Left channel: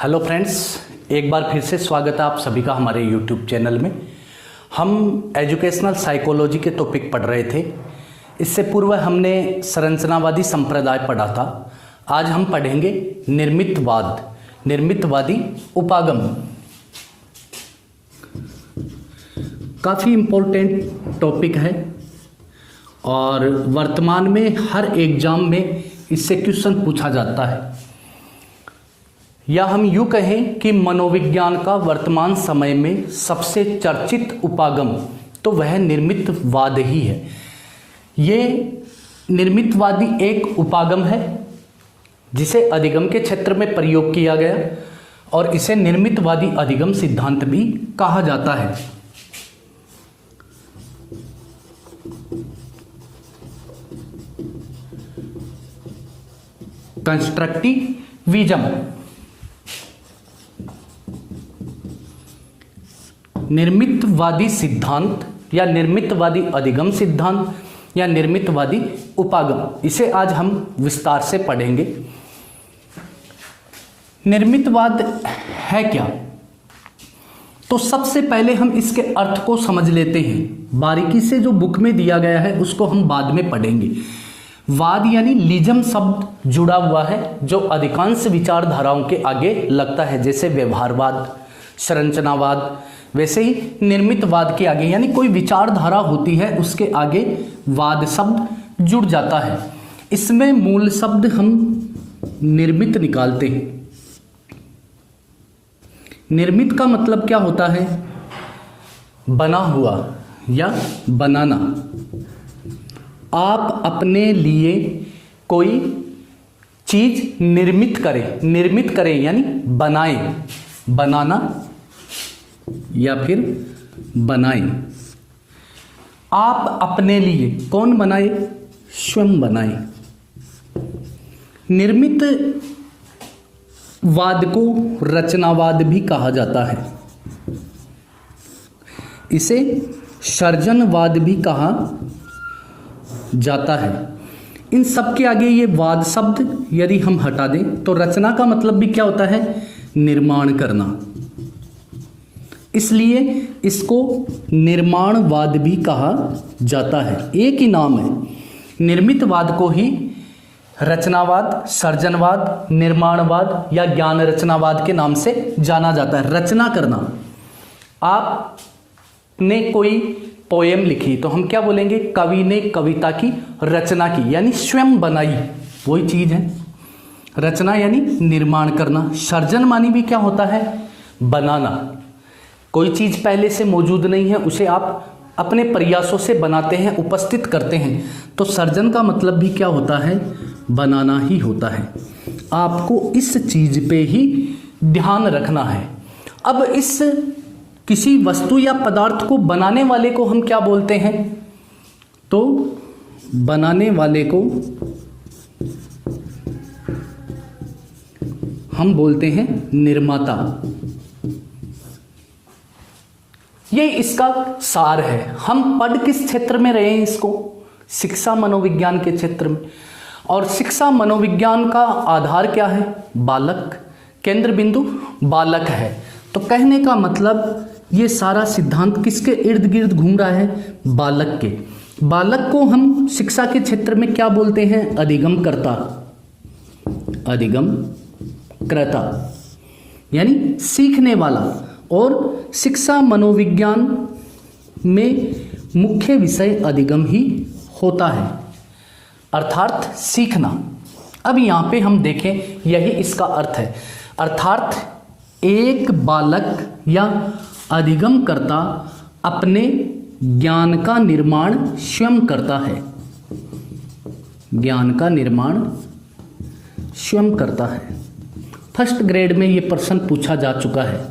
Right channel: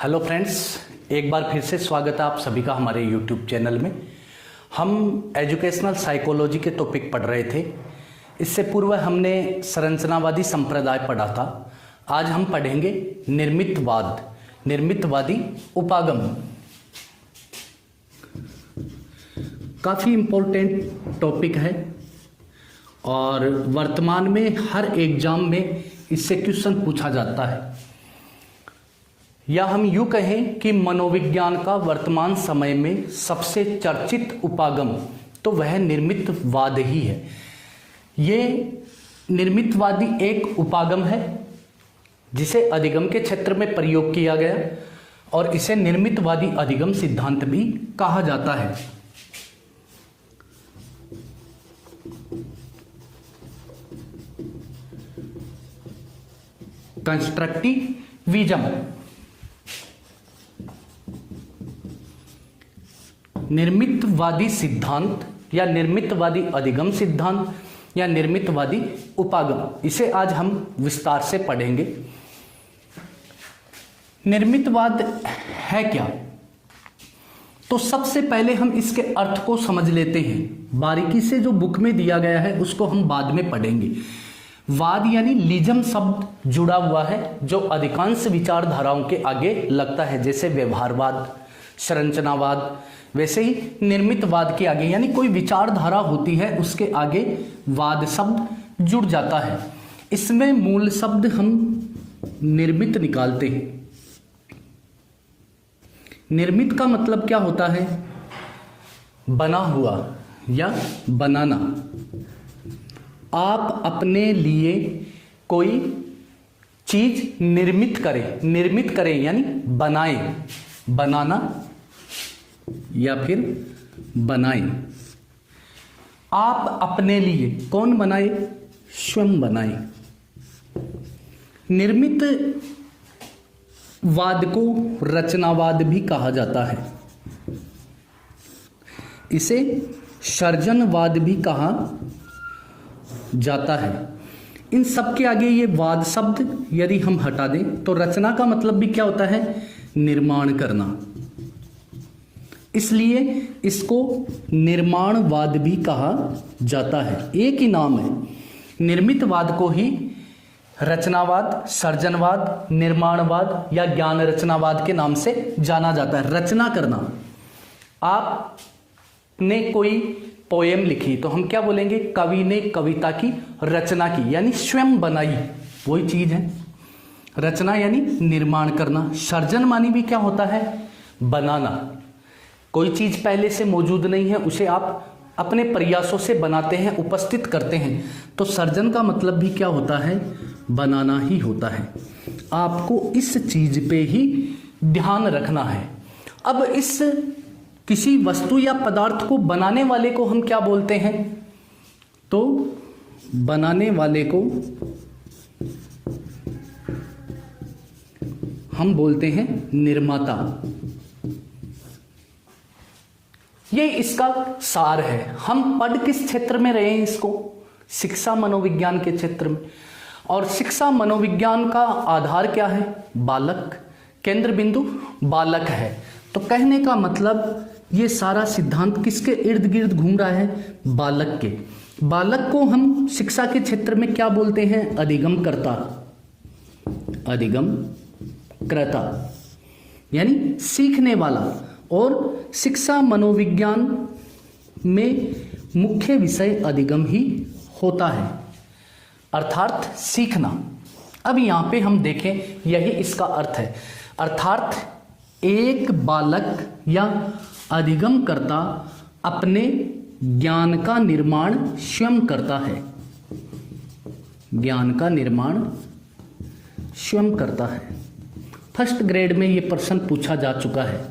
Hello friends, एक बार फिर से स्वागत है आप सभी का हमारे यूट्यूब चैनल में। हम एजुकेशनल साइकोलॉजी के टॉपिक पढ़ रहे थे। इससे पूर्व हमने संरचनावादी संप्रदाय पढ़ा था। आज हम पढ़ेंगे निर्मितवादी उपागम। काफ़ी इम्पोर्टेंट टॉपिक है और वर्तमान में हर एग्जाम में इससे क्वेश्चन पूछा जाता है, या हम यूं कहें कि मनोविज्ञान का वर्तमान समय में सबसे चर्चित उपागम तो वह निर्मितवाद ही है। ये निर्मितवादी एक उपागम है जिसे अधिगम के क्षेत्र में प्रयोग किया गया और इसे निर्मितवादी अधिगम सिद्धांत भी कहा जाता है। कंस्ट्रक्टिविज्म, निर्मितवादी सिद्धांत या निर्मितवादी अधिगम सिद्धांत या निर्मितवादी उपागम, इसे आज हम विस्तार से पढ़ेंगे। निर्मितवाद है क्या? तो सबसे पहले हम इसके अर्थ को समझ लेते हैं। बारीकी से जो बुक में दिया गया है उसको हम बाद में पढ़ेंगे। वाद यानी लिजम शब्द जुड़ा हुआ है जो अधिकांश विचारधाराओं के आगे लगता है, जैसे व्यवहारवाद, संरचनावाद, वैसे ही निर्मितवाद के आगे यानी कोई विचारधारा होती है उसके आगे वाद शब्द जुड़ जाता है। इसमें मूल शब्द हम निर्मित निकालते हैं। निर्मित का मतलब क्या होता है? बना हुआ या बनाना। आप अपने लिए कोई चीज निर्मित करें यानी बनाएं, बनाना या फिर बनाएं। आप अपने लिए कौन बनाए? स्वयं बनाए। निर्मित वाद को रचनावाद भी कहा जाता है। इसे सृजनवाद भी कहा जाता है। इन सब के आगे ये वाद शब्द यदि हम हटा दें तो रचना का मतलब भी क्या होता है? निर्माण करना। इसलिए इसको निर्माणवाद भी कहा जाता है। एक ही नाम है। निर्मितवाद को ही रचनावाद, सृजनवाद, निर्माणवाद या ज्ञान रचनावाद के नाम से जाना जाता है। रचना करना। आपने कोई पोएम लिखी तो हम क्या बोलेंगे? कवि ने कविता की रचना की यानी स्वयं बनाई, वही चीज है। रचना यानी निर्माण करना। सृजन मानी भी क्या होता है? बनाना। कोई चीज पहले से मौजूद नहीं है, उसे आप अपने प्रयासों से बनाते हैं, उपस्थित करते हैं। तो सृजन का मतलब भी क्या होता है? बनाना ही होता है। आपको इस चीज पे ही ध्यान रखना है। अब इस किसी वस्तु या पदार्थ को बनाने वाले को हम क्या बोलते हैं? तो बनाने वाले को हम बोलते हैं निर्माता। ये इसका सार है। हम पढ़ किस क्षेत्र में रहे हैं इसको? शिक्षा मनोविज्ञान के क्षेत्र में। और शिक्षा मनोविज्ञान का आधार क्या है? बालक। केंद्र बिंदु बालक है। तो कहने का मतलब ये सारा सिद्धांत किसके इर्द गिर्द घूम रहा है? बालक के। बालक को हम शिक्षा के क्षेत्र में क्या बोलते हैं? अधिगम कर्ता। अधिगम कर्ता यानी सीखने वाला। और शिक्षा मनोविज्ञान में मुख्य विषय अधिगम ही होता है, अर्थात सीखना। अब यहां पे हम देखें, यही इसका अर्थ है। अर्थात एक बालक या अधिगम करता अपने ज्ञान का निर्माण स्वयं करता है। ज्ञान का निर्माण स्वयं करता है। फर्स्ट ग्रेड में यह प्रश्न पूछा जा चुका है।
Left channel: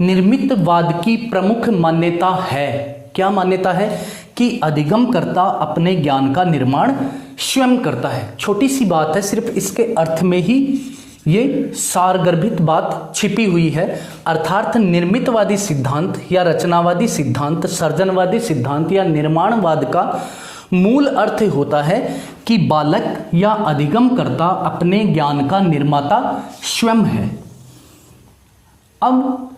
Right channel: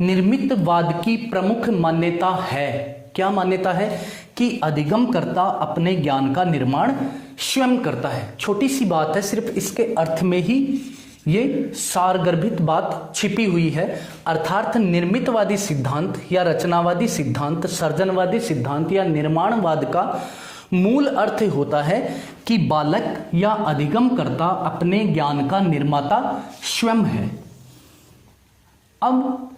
निर्मितवाद की प्रमुख मान्यता है, क्या मान्यता है? कि अधिगम करता अपने ज्ञान का निर्माण स्वयं करता है। छोटी सी बात है, सिर्फ इसके अर्थ में ही ये सारगर्भित बात छिपी हुई है। अर्थात निर्मितवादी सिद्धांत या रचनावादी सिद्धांत, सृजनवादी सिद्धांत या निर्माणवाद का मूल अर्थ होता है कि बालक या अधिगमकर्ता अपने ज्ञान का निर्माता स्वयं है। अब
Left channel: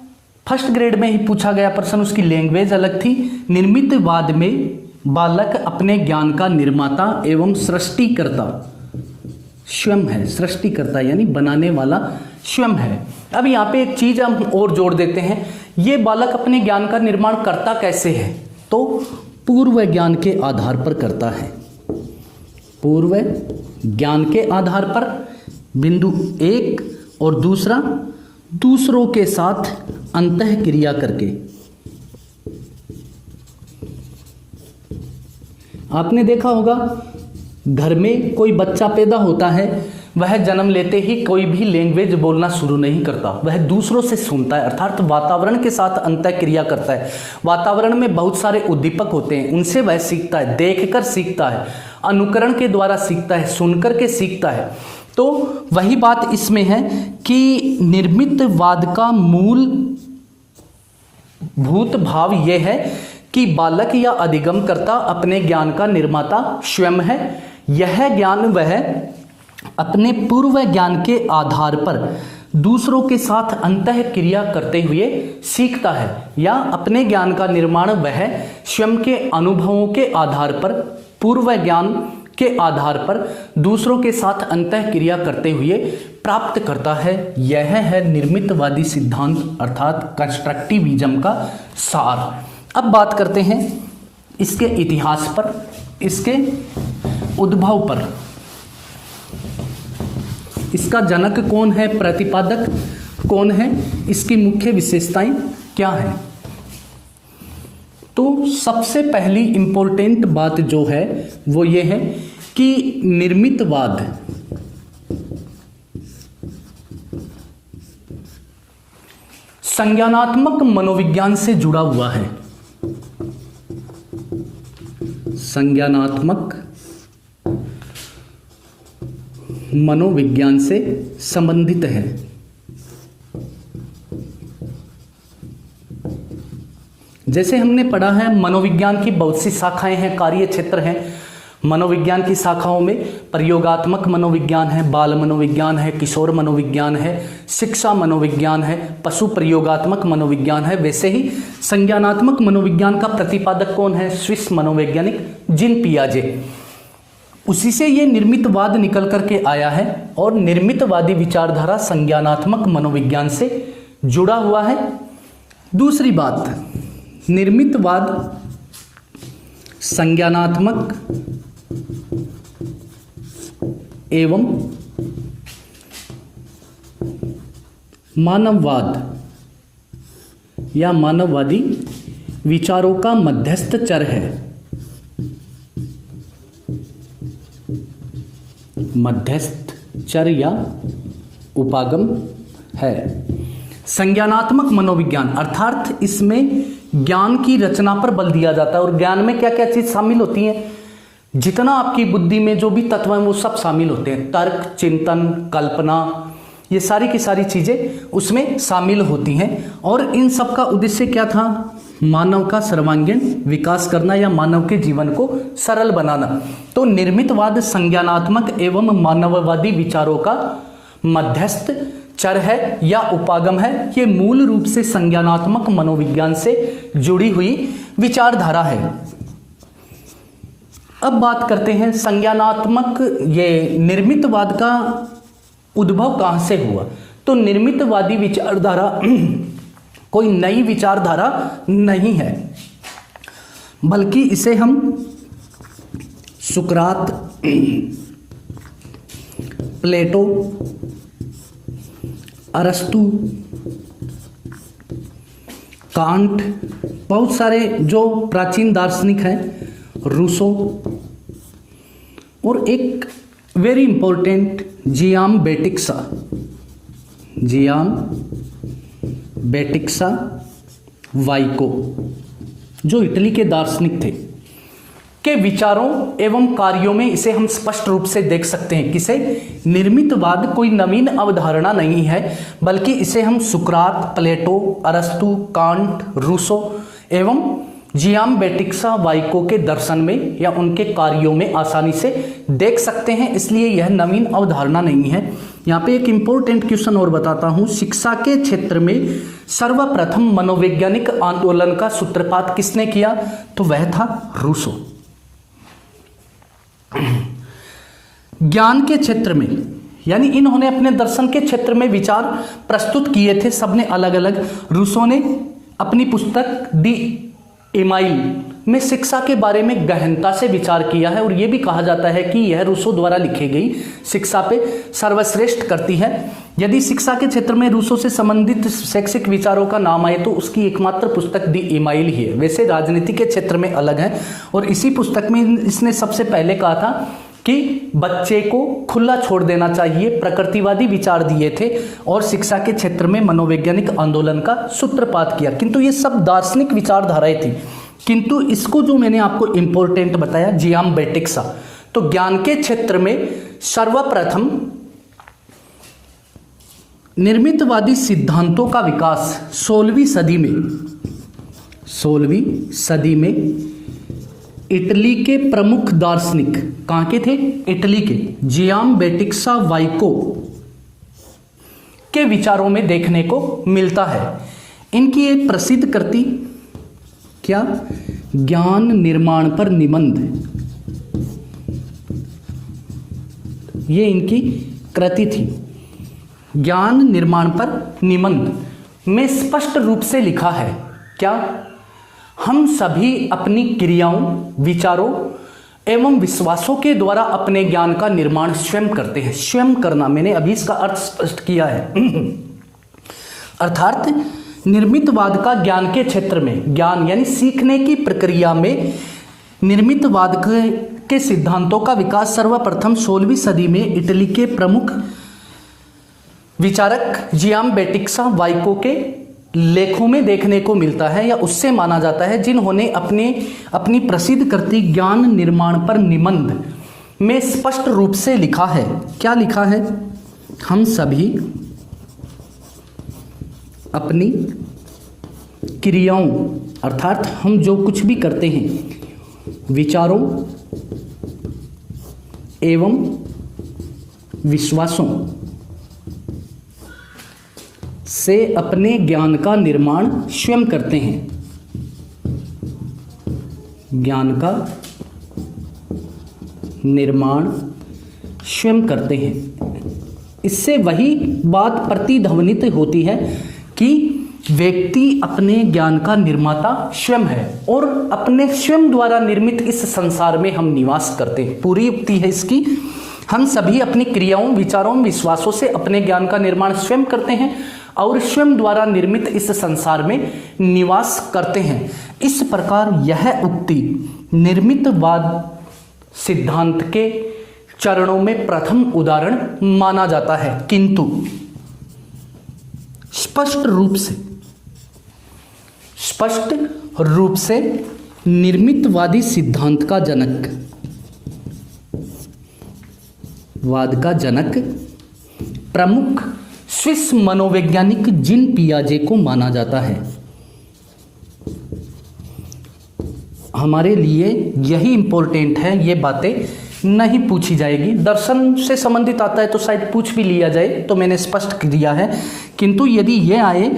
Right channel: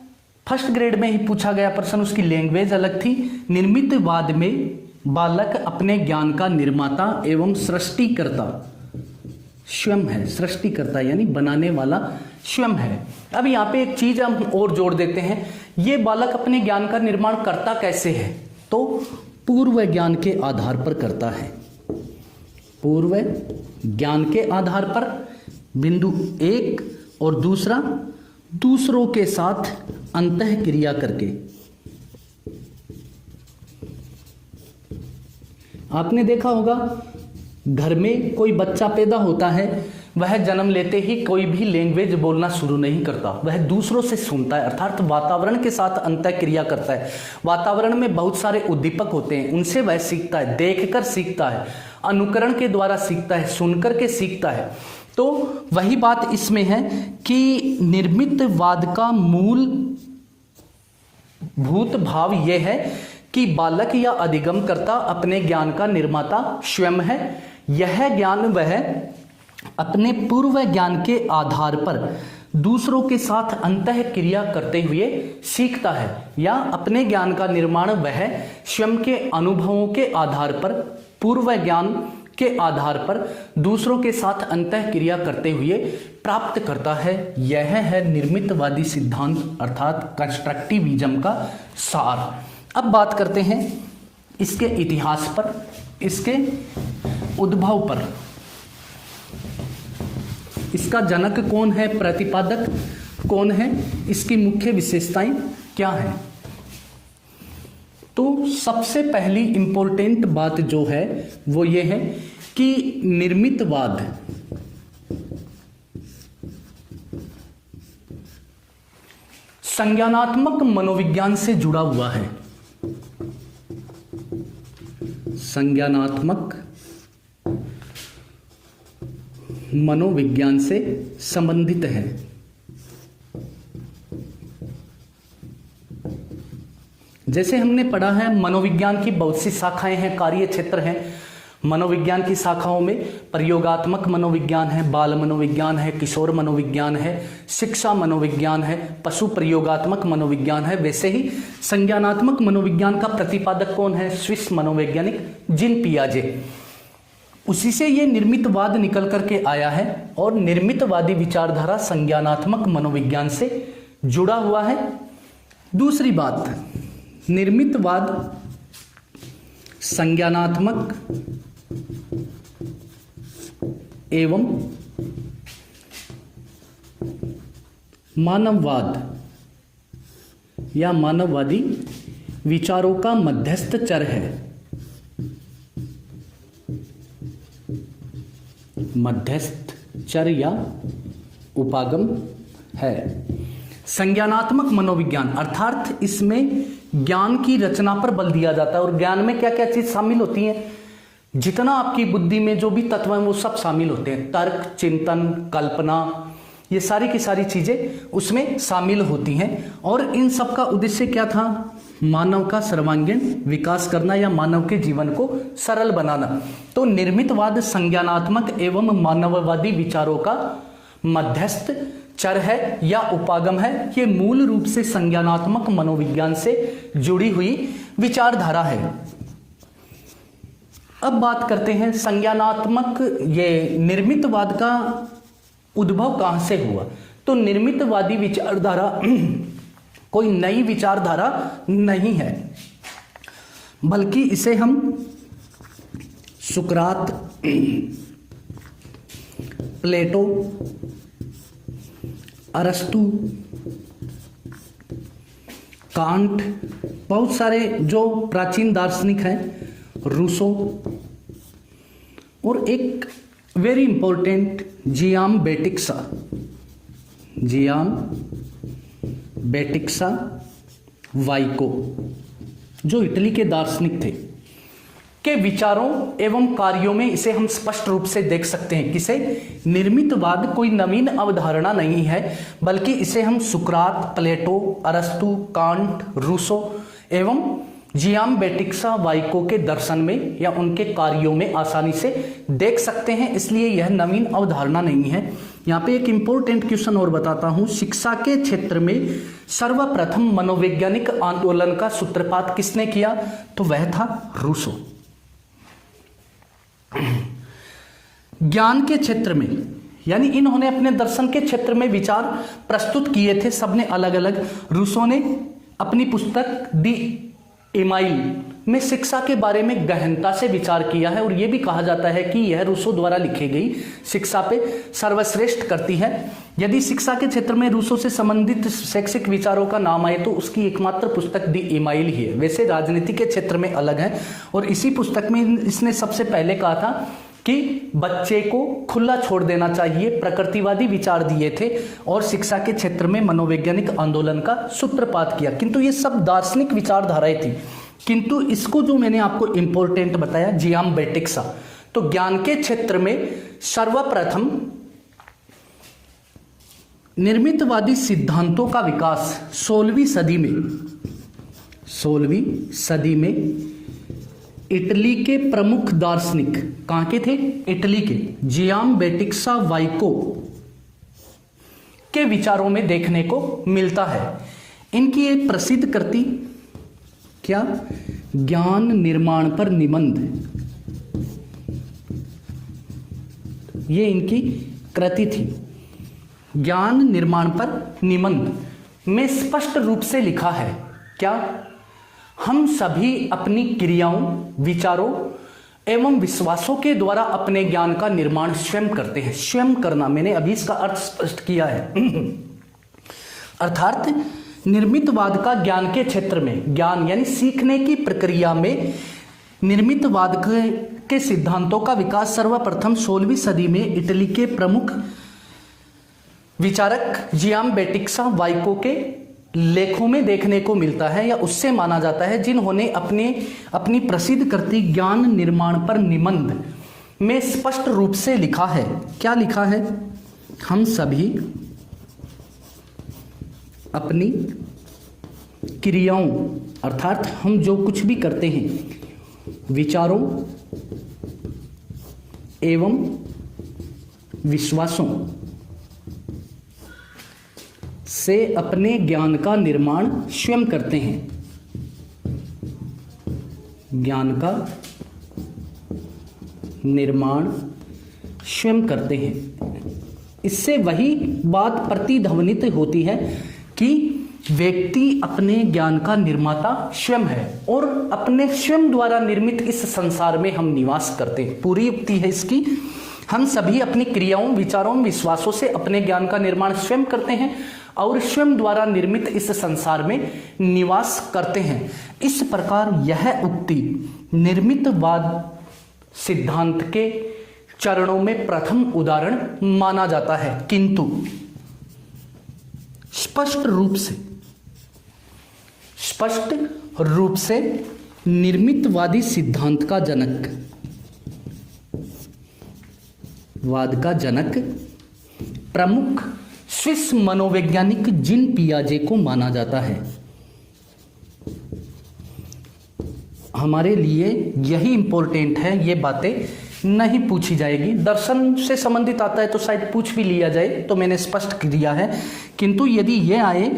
फर्स्ट ग्रेड में ही पूछा गया प्रश्न, उसकी लैंग्वेज अलग थी। निर्मितवाद में बालक अपने ज्ञान का निर्माता एवं सृष्टिकर्ता स्वयं है। सृष्टिकर्ता यानी बनाने वाला स्वयं है। अब यहाँ पे एक चीज हम और जोड़ देते हैं, ये बालक अपने ज्ञान का निर्माण करता कैसे है? तो पूर्व ज्ञान के आधार पर करता है। पूर्व ज्ञान के आधार पर, बिंदु एक, और दूसरा दूसरों के साथ अंतः क्रिया करके। आपने देखा होगा घर में कोई बच्चा पैदा होता है, वह जन्म लेते ही कोई भी लैंग्वेज बोलना शुरू नहीं करता, वह दूसरों से सुनता है, अर्थात वातावरण के साथ अंतः क्रिया करता है। वातावरण में बहुत सारे उद्दीपक होते हैं, उनसे वह सीखता है, देखकर सीखता है, अनुकरण के द्वारा सीखता है, सुनकर के सीखता है। तो वही बात इसमें है कि निर्मितवाद का मूल भूत भाव यह है कि बालक या अधिगमकर्ता अपने ज्ञान का निर्माता स्वयं है। यह ज्ञान वह अपने पूर्व ज्ञान के आधार पर दूसरों के साथ अंतः क्रिया करते हुए सीखता है, या अपने ज्ञान का निर्माण वह स्वयं के अनुभवों के आधार पर, पूर्व ज्ञान के आधार पर दूसरों के साथ अंतः क्रिया करते हुए प्राप्त करता है। यह है निर्मितवादी सिद्धांत अर्थात कंस्ट्रक्टिविज्म का सार। अब बात करते हैं इसके इतिहास पर, इसके उद्भव पर। इसका जनक कौन है, प्रतिपादक कौन है, इसकी मुख्य विशेषताएं क्या हैं? तो सबसे पहली इंपॉर्टेंट बात जो है वो ये है कि निर्मितवाद संज्ञानात्मक मनोविज्ञान से जुड़ा हुआ है। संज्ञानात्मक मनोविज्ञान से संबंधित है। जैसे हमने पढ़ा है मनोविज्ञान की बहुत सी शाखाएं हैं, कार्य क्षेत्र हैं। मनोविज्ञान की शाखाओं में प्रयोगात्मक मनोविज्ञान है, बाल मनोविज्ञान है, किशोर मनोविज्ञान है, शिक्षा मनोविज्ञान है, पशु प्रयोगात्मक मनोविज्ञान है। वैसे ही संज्ञानात्मक मनोविज्ञान का प्रतिपादक कौन है? स्विस मनोवैज्ञानिक जीन पियाजे। उसी से ये निर्मितवाद निकल करके आया है और निर्मितवादी विचारधारा संज्ञानात्मक मनोविज्ञान से जुड़ा हुआ है। दूसरी बात, निर्मितवाद संज्ञानात्मक एवं मानववाद या मानववादी विचारों का मध्यस्थ चर है। मध्यस्थ चर या उपागम है। संज्ञानात्मक मनोविज्ञान अर्थात इसमें ज्ञान की रचना पर बल दिया जाता है। और ज्ञान में क्या क्या चीज शामिल होती है? जितना आपकी बुद्धि में जो भी तत्व हैं वो सब शामिल होते हैं। तर्क, चिंतन, कल्पना, ये सारी की सारी चीजें उसमें शामिल होती हैं। और इन सब का उद्देश्य क्या था? मानव का सर्वांगीण विकास करना या मानव के जीवन को सरल बनाना। तो निर्मितवाद संज्ञानात्मक एवं मानववादी विचारों का मध्यस्थ चर है या उपागम है। ये मूल रूप से संज्ञानात्मक मनोविज्ञान से जुड़ी हुई विचारधारा है। अब बात करते हैं संज्ञानात्मक, ये निर्मितवाद का उद्भव कहां से हुआ? तो निर्मितवादी विचारधारा कोई नई विचारधारा नहीं है, बल्कि इसे हम सुकरात, प्लेटो, अरस्तु, कांट, बहुत सारे जो प्राचीन दार्शनिक हैं, रूसो, और एक वेरी इंपॉर्टेंट जियाम बेटिक्सा वाइको, जो इटली के दार्शनिक थे, के विचारों एवं कार्यों में इसे हम स्पष्ट रूप से देख सकते हैं। किसे? निर्मितवाद कोई नवीन अवधारणा नहीं है, बल्कि इसे हम सुकरात, प्लेटो, अरस्तु, कांट, रूसो एवं जियाम्बेटिक्सा वाइको के दर्शन में या उनके कार्यों में आसानी से देख सकते हैं, इसलिए यह नवीन अवधारणा नहीं है। यहाँ पे एक इंपॉर्टेंट क्वेश्चन और बताता हूं, शिक्षा के क्षेत्र में सर्वप्रथम मनोवैज्ञानिक आंदोलन का सूत्रपात किसने किया? तो वह था रूसो। ज्ञान के क्षेत्र में, यानी इन्होंने अपने दर्शन के क्षेत्र में विचार प्रस्तुत किए थे सबने अलग अलग। रूसो ने अपनी पुस्तक दी इमाइल में शिक्षा के बारे में गहनता से विचार किया है और यह भी कहा जाता है कि यह रूसो द्वारा लिखी गई शिक्षा पे सर्वश्रेष्ठ करती है। यदि शिक्षा के क्षेत्र में रूसो से संबंधित शैक्षिक विचारों का नाम आए तो उसकी एकमात्र पुस्तक दी इमाइल ही है। वैसे राजनीति के क्षेत्र में अलग है और इसी पुस्तक में इसने सबसे पहले कहा था कि बच्चे को खुला छोड़ देना चाहिए, प्रकृतिवादी विचार दिए थे और शिक्षा के क्षेत्र में मनोवैज्ञानिक आंदोलन का सूत्रपात किया। किंतु ये सब दार्शनिक विचारधाराएं थी। किंतु इसको जो मैंने आपको इंपॉर्टेंट बताया जियाम्बेटिक्सा, तो ज्ञान के क्षेत्र में सर्वप्रथम निर्मितवादी सिद्धांतों का विकास 16वीं सदी में इटली के प्रमुख दार्शनिक, कहां के थे? इटली के, जियाम्बेटिक्सा वाइको के विचारों में देखने को मिलता है। इनकी एक प्रसिद्ध कृति क्या? ज्ञान निर्माण पर निबंध, ये इनकी कृति थी। ज्ञान निर्माण पर निबंध में स्पष्ट रूप से लिखा है क्या? हम सभी अपनी क्रियाओं, विचारों एवं विश्वासों के द्वारा अपने ज्ञान का निर्माण स्वयं करते हैं। स्वयं करना, मैंने अभी इसका अर्थ स्पष्ट किया है। अर्थात निर्मितवाद का ज्ञान के क्षेत्र में, ज्ञान यानी सीखने की प्रक्रिया में निर्मितवाद के सिद्धांतों का विकास सर्वप्रथम 16वीं सदी में इटली के प्रमुख विचारक जियाम्बेटिक्सा वाइको के लेखों में देखने को मिलता है या उससे माना जाता है, जिन्होंने अपनी प्रसिद्ध कृति ज्ञान निर्माण पर निबंध में स्पष्ट रूप से लिखा है। क्या लिखा है? हम सभी अपनी क्रियाओं, अर्थात हम जो कुछ भी करते हैं, विचारों एवं विश्वासों से अपने ज्ञान का निर्माण स्वयं करते हैं। ज्ञान का निर्माण स्वयं करते हैं। इससे वही बात प्रतिध्वनित होती है कि व्यक्ति अपने ज्ञान का निर्माता स्वयं है और अपने स्वयं द्वारा निर्मित इस संसार में हम निवास करते हैं। पूरी युक्ति है इसकी, हम सभी अपनी क्रियाओं, विचारों, विश्वासों से अपने ज्ञान का निर्माण स्वयं करते हैं और स्वयं द्वारा निर्मित इस संसार में निवास करते हैं। इस प्रकार यह उक्ति निर्मितवाद सिद्धांत के चरणों में प्रथम उदाहरण माना जाता है। किंतु स्पष्ट रूप से निर्मितवादी सिद्धांत का जनक, वाद का जनक प्रमुख स्विस मनोवैज्ञानिक जीन पियाजे को माना जाता है। हमारे लिए यही इंपॉर्टेंट है, ये बातें नहीं पूछी जाएगी। दर्शन से संबंधित आता है तो शायद पूछ भी लिया जाए, तो मैंने स्पष्ट किया है। किंतु यदि यह आए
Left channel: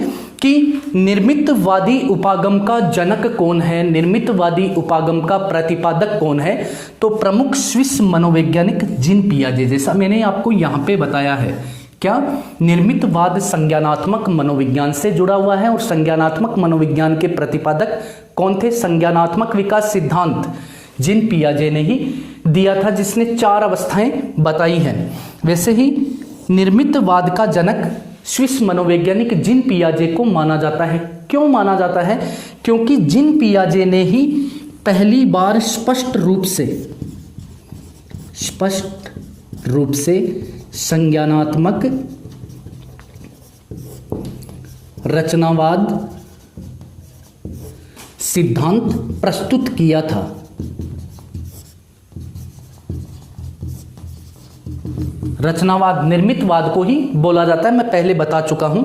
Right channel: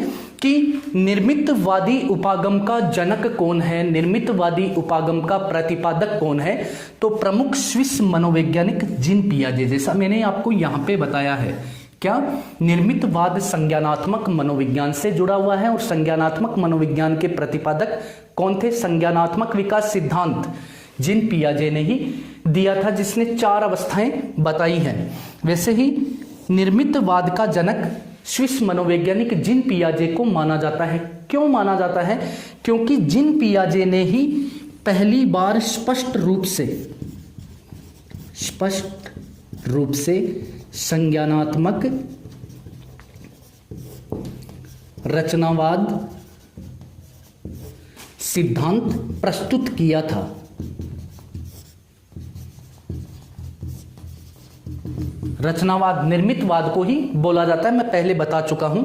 कि निर्मितवादी उपागम का जनक कौन है, निर्मितवादी उपागम का प्रतिपादक कौन है, तो प्रमुख स्विस मनोवैज्ञानिक जीन पियाजे, जैसा मैंने आपको यहां पे बताया है। क्या? निर्मितवाद संज्ञानात्मक मनोविज्ञान से जुड़ा हुआ है और संज्ञानात्मक मनोविज्ञान के प्रतिपादक कौन थे? संज्ञानात्मक विकास सिद्धांत जीन पियाजे ने ही दिया था, जिसने 4 अवस्थाएं बताई हैं। वैसे ही निर्मितवाद का जनक स्विस मनोवैज्ञानिक जीन पियाजे को माना जाता है। क्यों माना जाता है? क्योंकि जीन पियाजे ने ही पहली बार स्पष्ट रूप से संज्ञानात्मक रचनावाद सिद्धांत प्रस्तुत किया था। रचनावाद, निर्मितवाद को ही बोला जाता है, मैं पहले बता चुका हूं।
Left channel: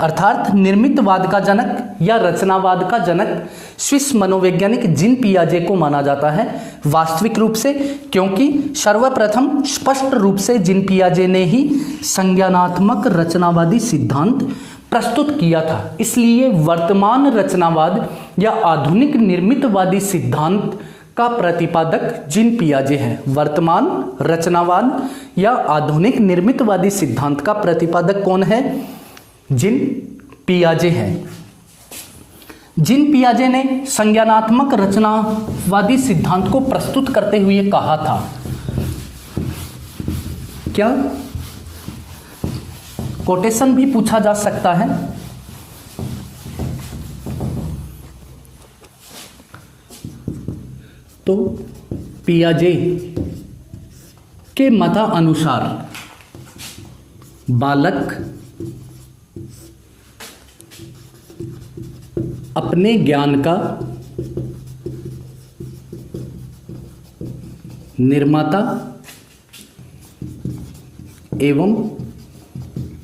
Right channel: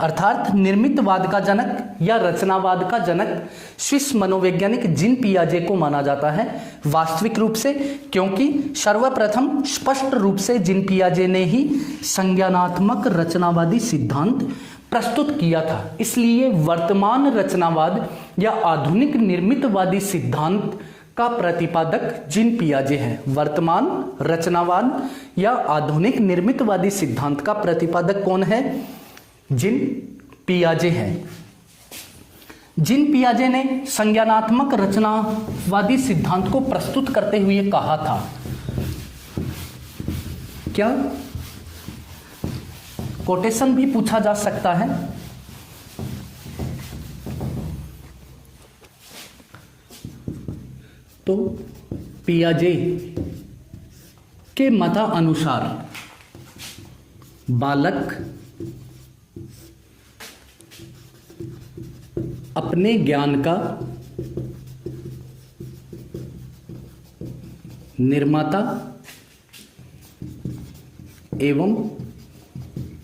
अर्थात निर्मितवाद का जनक या रचनावाद का जनक स्विस मनोवैज्ञानिक जीन पियाजे को माना जाता है वास्तविक रूप से, क्योंकि सर्वप्रथम स्पष्ट रूप से जीन पियाजे ने ही संज्ञानात्मक रचनावादी सिद्धांत प्रस्तुत किया था। इसलिए वर्तमान रचनावाद या आधुनिक निर्मितवादी सिद्धांत का प्रतिपादक जीन पियाजे है। वर्तमान रचनावाद या आधुनिक निर्मितवादी सिद्धांत का प्रतिपादक कौन है? जीन पियाजे है। जीन पियाजे ने संज्ञानात्मक रचनावादी सिद्धांत को प्रस्तुत करते हुए कहा था, क्या कोटेशन भी पूछा जा सकता है। तो पियाजे के मतानुसार बालक अपने ज्ञान का निर्माता एवं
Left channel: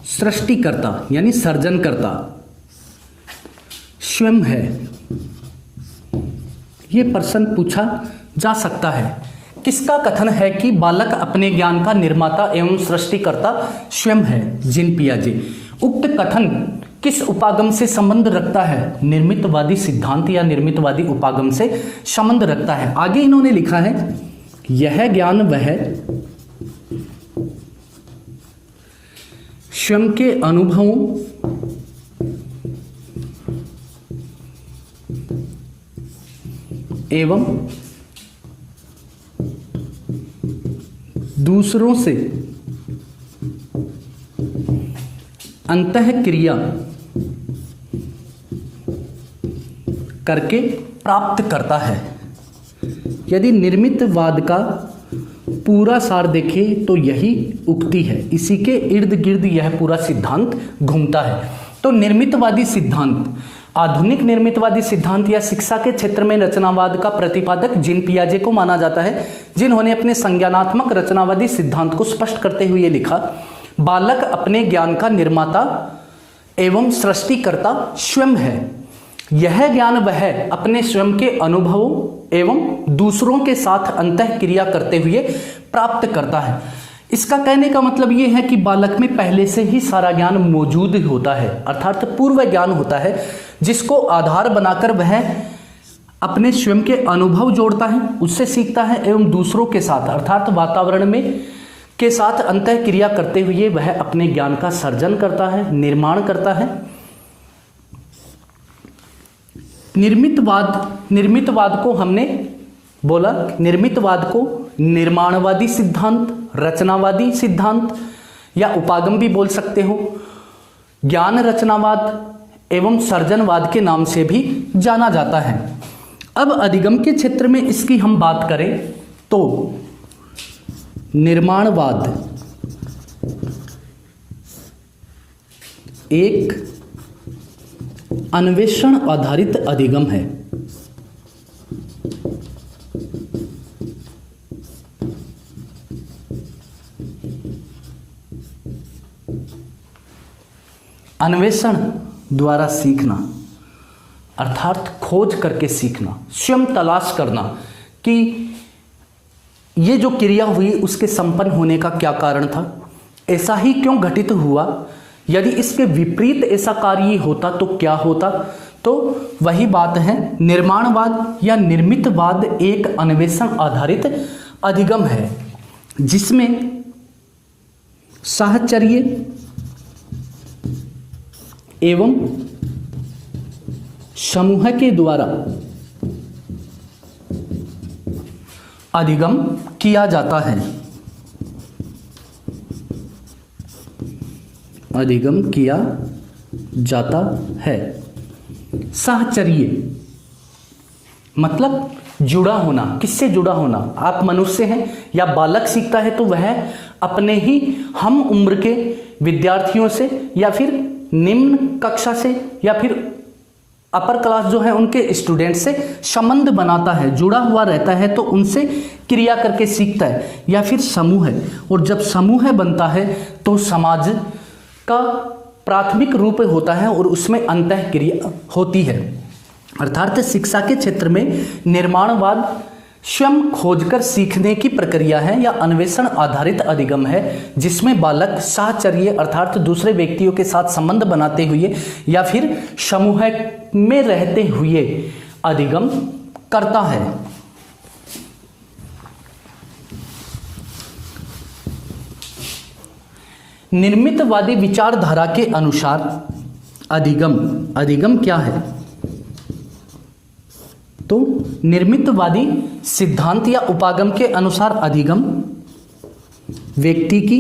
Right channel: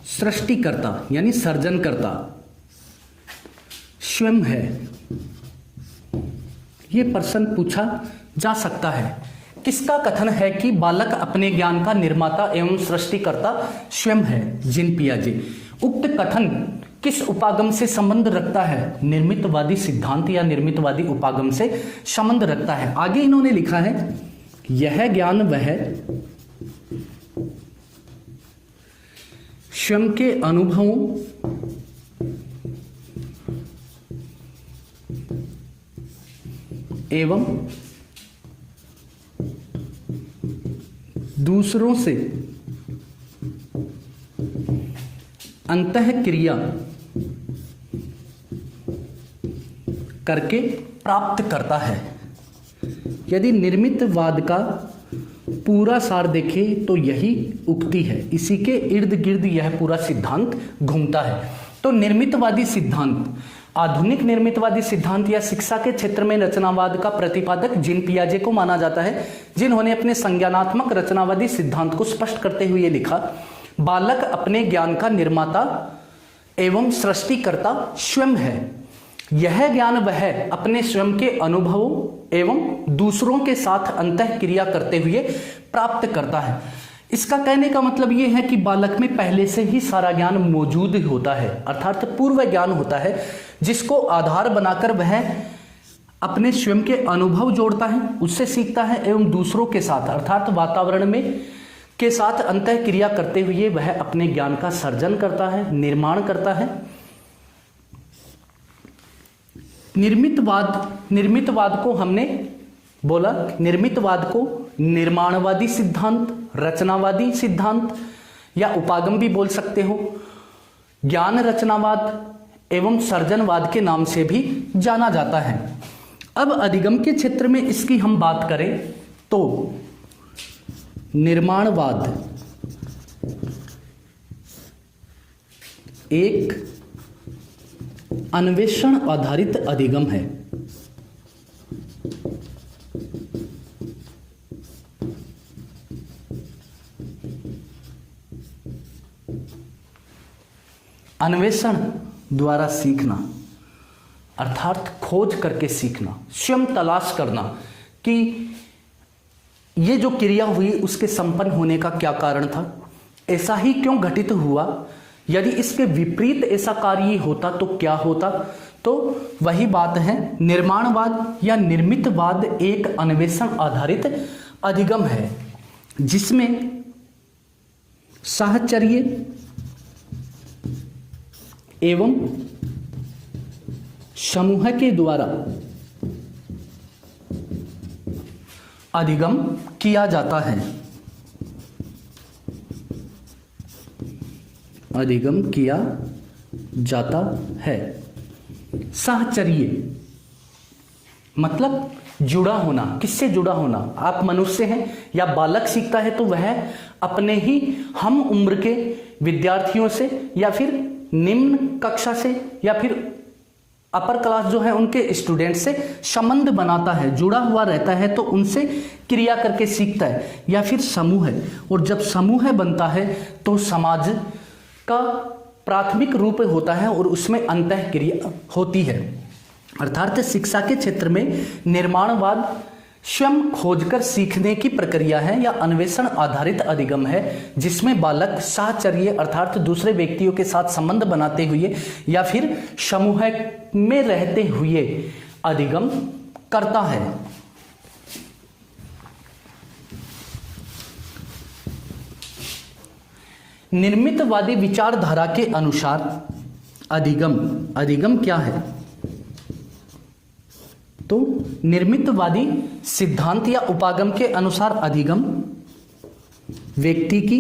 सृष्टिकर्ता यानी सर्जनकर्ता स्वयं है। यह प्रश्न पूछा जा सकता है। किसका कथन है कि बालक अपने ज्ञान का निर्माता एवं सृष्टिकर्ता स्वयं है? जीन पियाजे। उक्त कथन किस उपागम से संबंध रखता है? निर्मितवादी सिद्धांत या निर्मितवादी उपागम से संबंध रखता है। आगे इन्होंने लिखा है, यह ज्ञान वह स्वयं के अनुभवों एवं दूसरों से अंतःक्रिया करके प्राप्त करता है। यदि निर्मितवाद का पूरा सार देखें तो यही उक्ति है, इसी के इर्द गिर्द यह पूरा सिद्धांत घूमता है। तो निर्मितवादी सिद्धांत, आधुनिक निर्मितवादी सिद्धांत या शिक्षा के क्षेत्र में रचनावाद का प्रतिपादक जीन पियाजे को माना जाता है, जिन्होंने अपने संज्ञानात्मक रचनावादी सिद्धांत को स्पष्ट करते हुए लिखा, बालक अपने ज्ञान का निर्माता एवं सृष्टिकर्ता स्वयं है। यह ज्ञान वह अपने स्वयं के अनुभवों एवं दूसरों के साथ अंतःक्रिया करते हुए प्राप्त करता है। इसका कहने का मतलब यह है कि बालक में पहले से ही सारा ज्ञान मौजूद होता है, अर्थात पूर्व ज्ञान होता है, जिसको आधार बनाकर वह अपने स्वयं के अनुभव जोड़ता है, उससे सीखता है एवं दूसरों के साथ अर्थात वातावरण में के साथ अंतःक्रिया करते हुए वह अपने ज्ञान का सर्जन करता है, निर्माण करता है। निर्मितवाद को हमने बोला, निर्मितवाद को निर्माणवादी सिद्धांत, रचनावादी सिद्धांत या उपागम भी बोल सकते हो, ज्ञान रचनावाद एवं सर्जनवाद के नाम से भी जाना जाता है। अब अधिगम के क्षेत्र में इसकी हम बात करें तो निर्माणवाद एक अन्वेषण आधारित अधिगम है। अन्वेषण द्वारा सीखना अर्थात खोज करके सीखना, स्वयं तलाश करना कि ये जो क्रिया हुई उसके संपन्न होने का क्या कारण था, ऐसा ही क्यों घटित हुआ, यदि इसके विपरीत ऐसा कार्य होता तो क्या होता। तो वही बात है, निर्माणवाद या निर्मितवाद एक अन्वेषण आधारित अधिगम है जिसमें साहचर्य एवं समूह के द्वारा अधिगम किया जाता है। अधिगम किया जाता है। साहचर्य मतलब जुड़ा होना। किससे जुड़ा होना? आप मनुष्य हैं या बालक सीखता है तो वह अपने ही हम उम्र के विद्यार्थियों से या फिर निम्न कक्षा से या फिर अपर क्लास जो है उनके स्टूडेंट से संबंध बनाता है, जुड़ा हुआ रहता है, तो उनसे क्रिया करके सीखता है। या फिर समूह है, और जब समूह बनता है तो समाज का प्राथमिक रूप होता है और उसमें अंतःक्रिया होती है। अर्थात शिक्षा के क्षेत्र में निर्माणवाद स्वयं खोजकर सीखने की प्रक्रिया है या अन्वेषण आधारित अधिगम है, जिसमें बालक साहचर्य अर्थात दूसरे व्यक्तियों के साथ संबंध बनाते हुए या फिर समूह में रहते हुए अधिगम करता है। निर्मितवादी विचारधारा के अनुसार अधिगम क्या है? तो निर्मितवादी सिद्धांत या उपागम के अनुसार अधिगम व्यक्ति की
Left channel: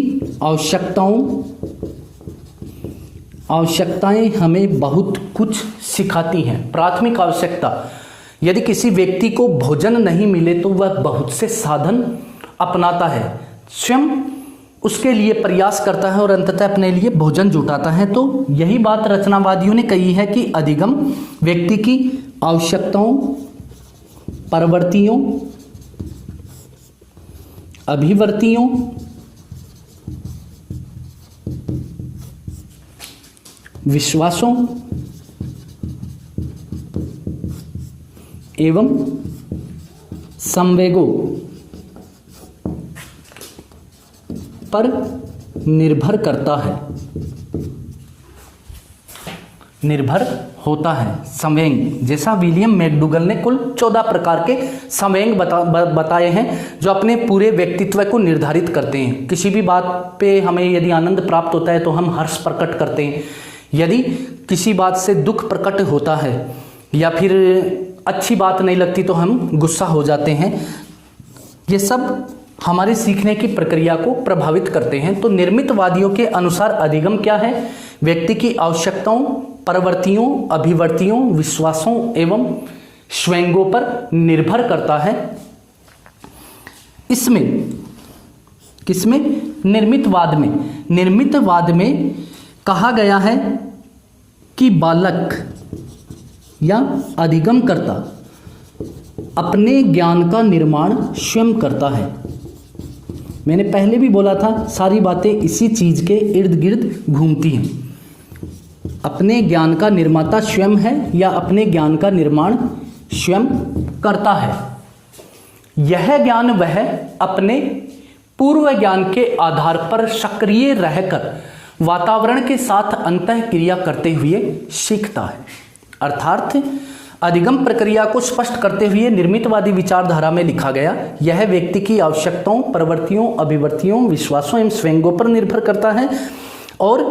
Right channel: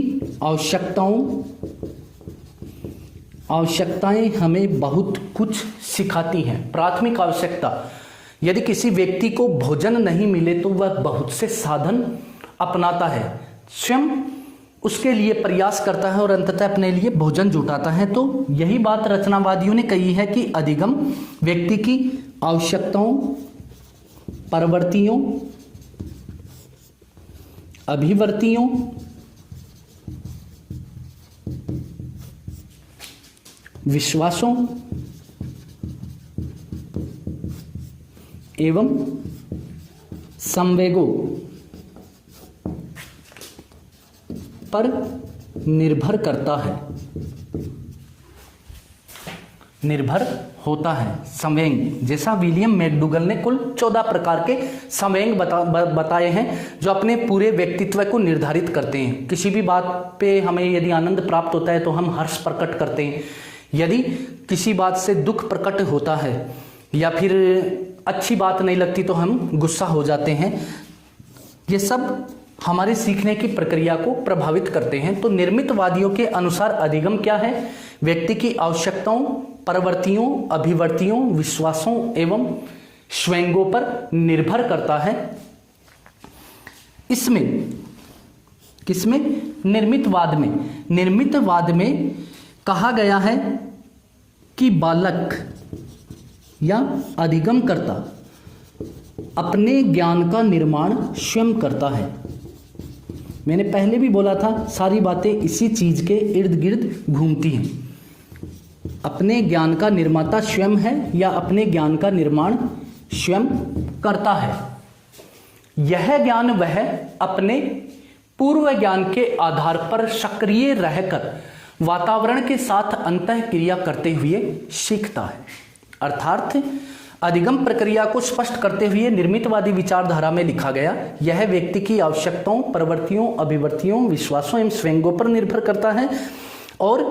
आवश्यकताएं हमें बहुत कुछ सिखाती हैं। प्राथमिक आवश्यकता, यदि किसी व्यक्ति को भोजन नहीं मिले तो वह बहुत से साधन अपनाता है, स्वयं उसके लिए प्रयास करता है और अंततः अपने लिए भोजन जुटाता है। तो यही बात रचनावादियों ने कही है कि अधिगम व्यक्ति की आवश्यकताओं, प्रवृत्तियों, अभिवृत्तियों, विश्वासों एवं संवेगों पर निर्भर करता है, निर्भर होता है। संवेग, जैसा विलियम मैकडूगल ने कुल 14 प्रकार के संवेग बताए हैं जो अपने पूरे व्यक्तित्व को निर्धारित करते हैं। किसी भी बात पे हमें यदि आनंद प्राप्त होता है तो हम हर्ष प्रकट करते हैं, यदि किसी बात से दुख प्रकट होता है या फिर अच्छी बात नहीं लगती तो हम गुस्सा हो जाते हैं। ये सब हमारे सीखने की प्रक्रिया को प्रभावित करते हैं। तो निर्मितवादियों के अनुसार अधिगम क्या है? व्यक्ति की आवश्यकताओं, प्रवृत्तियों, अभिवृत्तियों, विश्वासों एवं स्वयंगों पर निर्भर करता है। इसमें किसमें? निर्मितवाद में कहा गया है कि बालक या अधिगमकर्ता अपने ज्ञान का निर्माण स्वयं करता है। मैंने पहले भी बोला था, सारी बातें इसी चीज के इर्द गिर्द घूमती हैं। अपने ज्ञान का निर्माता स्वयं है या अपने ज्ञान का निर्माण स्वयं करता है। यह ज्ञान वह अपने पूर्व ज्ञान के आधार पर सक्रिय रहकर वातावरण के साथ अंतःक्रिया करते हुए सीखता है। अर्थात अधिगम प्रक्रिया को स्पष्ट करते हुए निर्मितवादी विचारधारा में लिखा गया, यह व्यक्ति की आवश्यकताओं, प्रवृत्तियों, अभिवृत्तियों, विश्वासों एवं स्वयंगों पर निर्भर करता है और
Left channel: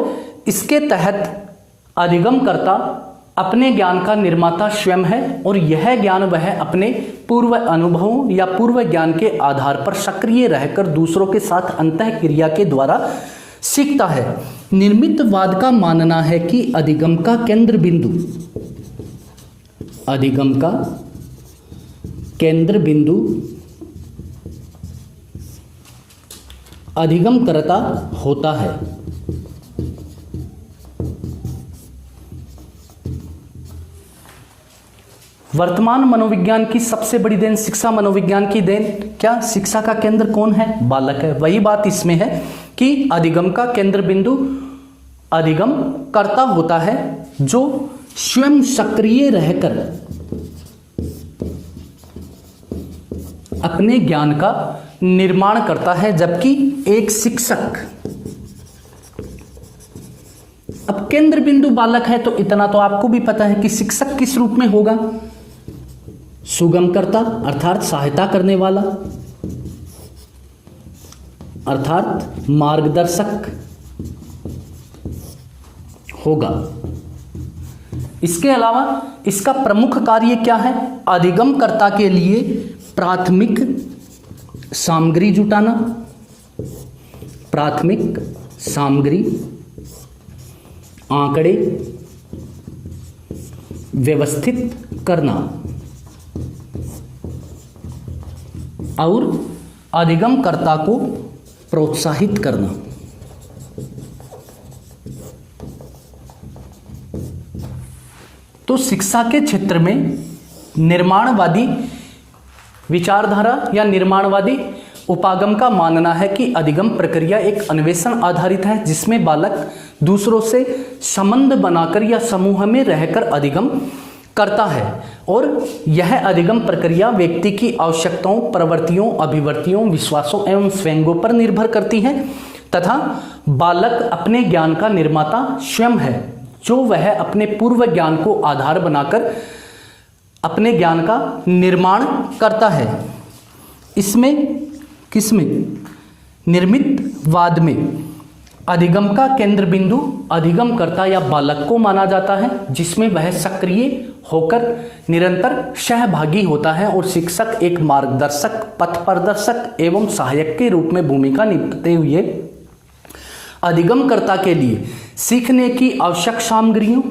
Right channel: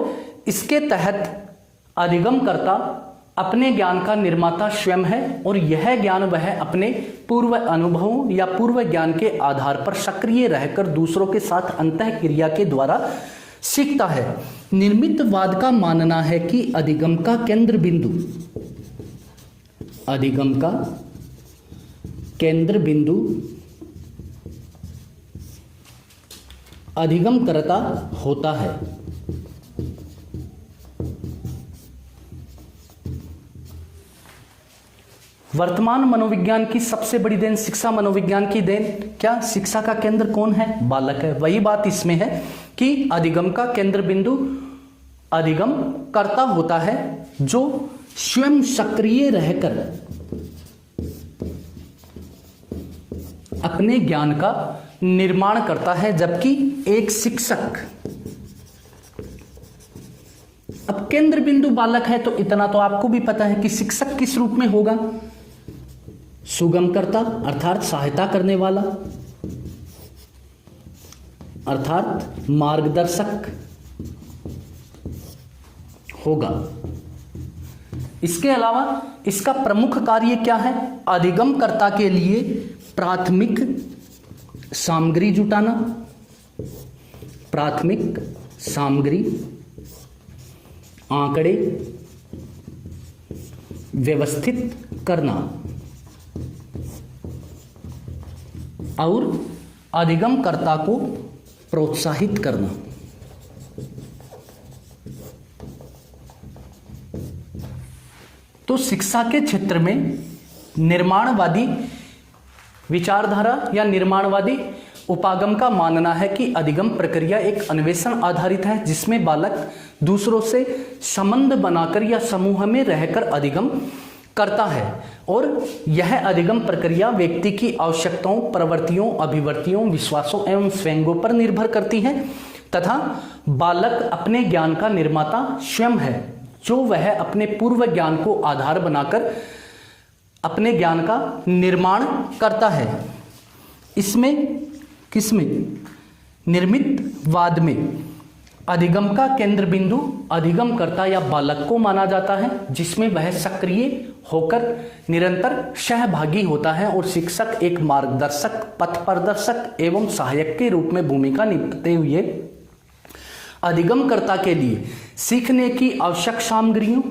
इसके तहत अधिगमकर्ता अपने ज्ञान का निर्माता स्वयं है और यह ज्ञान वह अपने पूर्व अनुभवों या पूर्व ज्ञान के आधार पर सक्रिय रहकर दूसरों के साथ अंतःक्रिया के द्वारा सीखता है। निर्मितवाद का मानना है कि अधिगम का केंद्र बिंदु अधिगमकर्ता होता है। वर्तमान मनोविज्ञान की सबसे बड़ी देन शिक्षा मनोविज्ञान की देन क्या? शिक्षा का केंद्र कौन है? बालक है। वही बात इसमें है कि अधिगम का केंद्र बिंदु अधिगम करता होता है जो स्वयं सक्रिय रहकर अपने ज्ञान का निर्माण करता है, जबकि एक शिक्षक, अब केंद्र बिंदु बालक है तो इतना तो आपको भी पता है कि शिक्षक किस रूप में होगा? सुगमकर्ता अर्थात सहायता करने वाला, अर्थात मार्गदर्शक होगा। इसके अलावा इसका प्रमुख कार्य क्या है? अधिगमकर्ता के लिए प्राथमिक सामग्री जुटाना, प्राथमिक सामग्री, आंकड़े व्यवस्थित करना और अधिगमकर्ता को प्रोत्साहित करना। तो शिक्षा के क्षेत्र में निर्माणवादी विचारधारा या निर्माणवादी उपागम का मानना है कि अधिगम प्रक्रिया एक अन्वेषण आधारित है, जिसमें बालक दूसरों से संबंध बनाकर या समूह में रहकर अधिगम करता है और यह अधिगम प्रक्रिया व्यक्ति की आवश्यकताओं, प्रवृत्तियों, अभिवृत्तियों, विश्वासों एवं स्वयंगों पर निर्भर करती है तथा बालक अपने ज्ञान का निर्माता स्वयं है, जो वह अपने पूर्व ज्ञान को आधार बनाकर अपने ज्ञान का निर्माण करता है। इसमें किसमें? निर्मितवाद में अधिगम का केंद्र बिंदु अधिगम करता या बालक को माना जाता है, जिसमें वह सक्रिय होकर निरंतर सहभागी होता है और शिक्षक एक मार्गदर्शक, पथ प्रदर्शक एवं सहायक के रूप में भूमिका निभाते हुए अधिगमकर्ता के लिए सीखने की आवश्यक सामग्रियों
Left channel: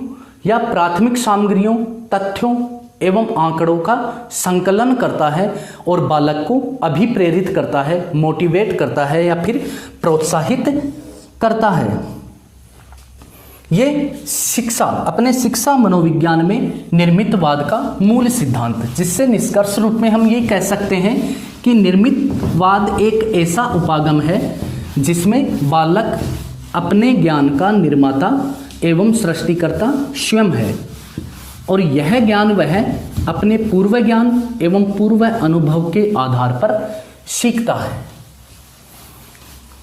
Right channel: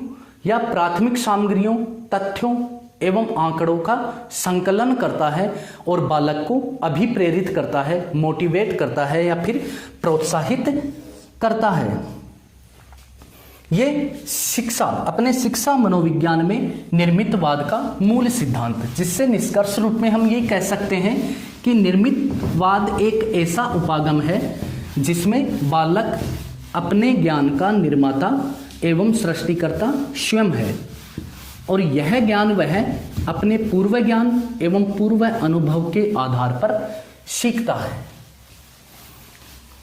या प्राथमिक सामग्रियों, तथ्यों एवं आंकड़ों का संकलन करता है और बालक को अभिप्रेरित करता है, मोटिवेट करता है या फिर प्रोत्साहित करता है। ये शिक्षा, अपने शिक्षा मनोविज्ञान में निर्मितवाद का मूल सिद्धांत, जिससे निष्कर्ष रूप में हम ये कह सकते हैं कि निर्मितवाद एक ऐसा उपागम है जिसमें बालक अपने ज्ञान का निर्माता एवं सृष्टिकर्ता स्वयं है और यह ज्ञान वह अपने पूर्व ज्ञान एवं पूर्व अनुभव के आधार पर सीखता है।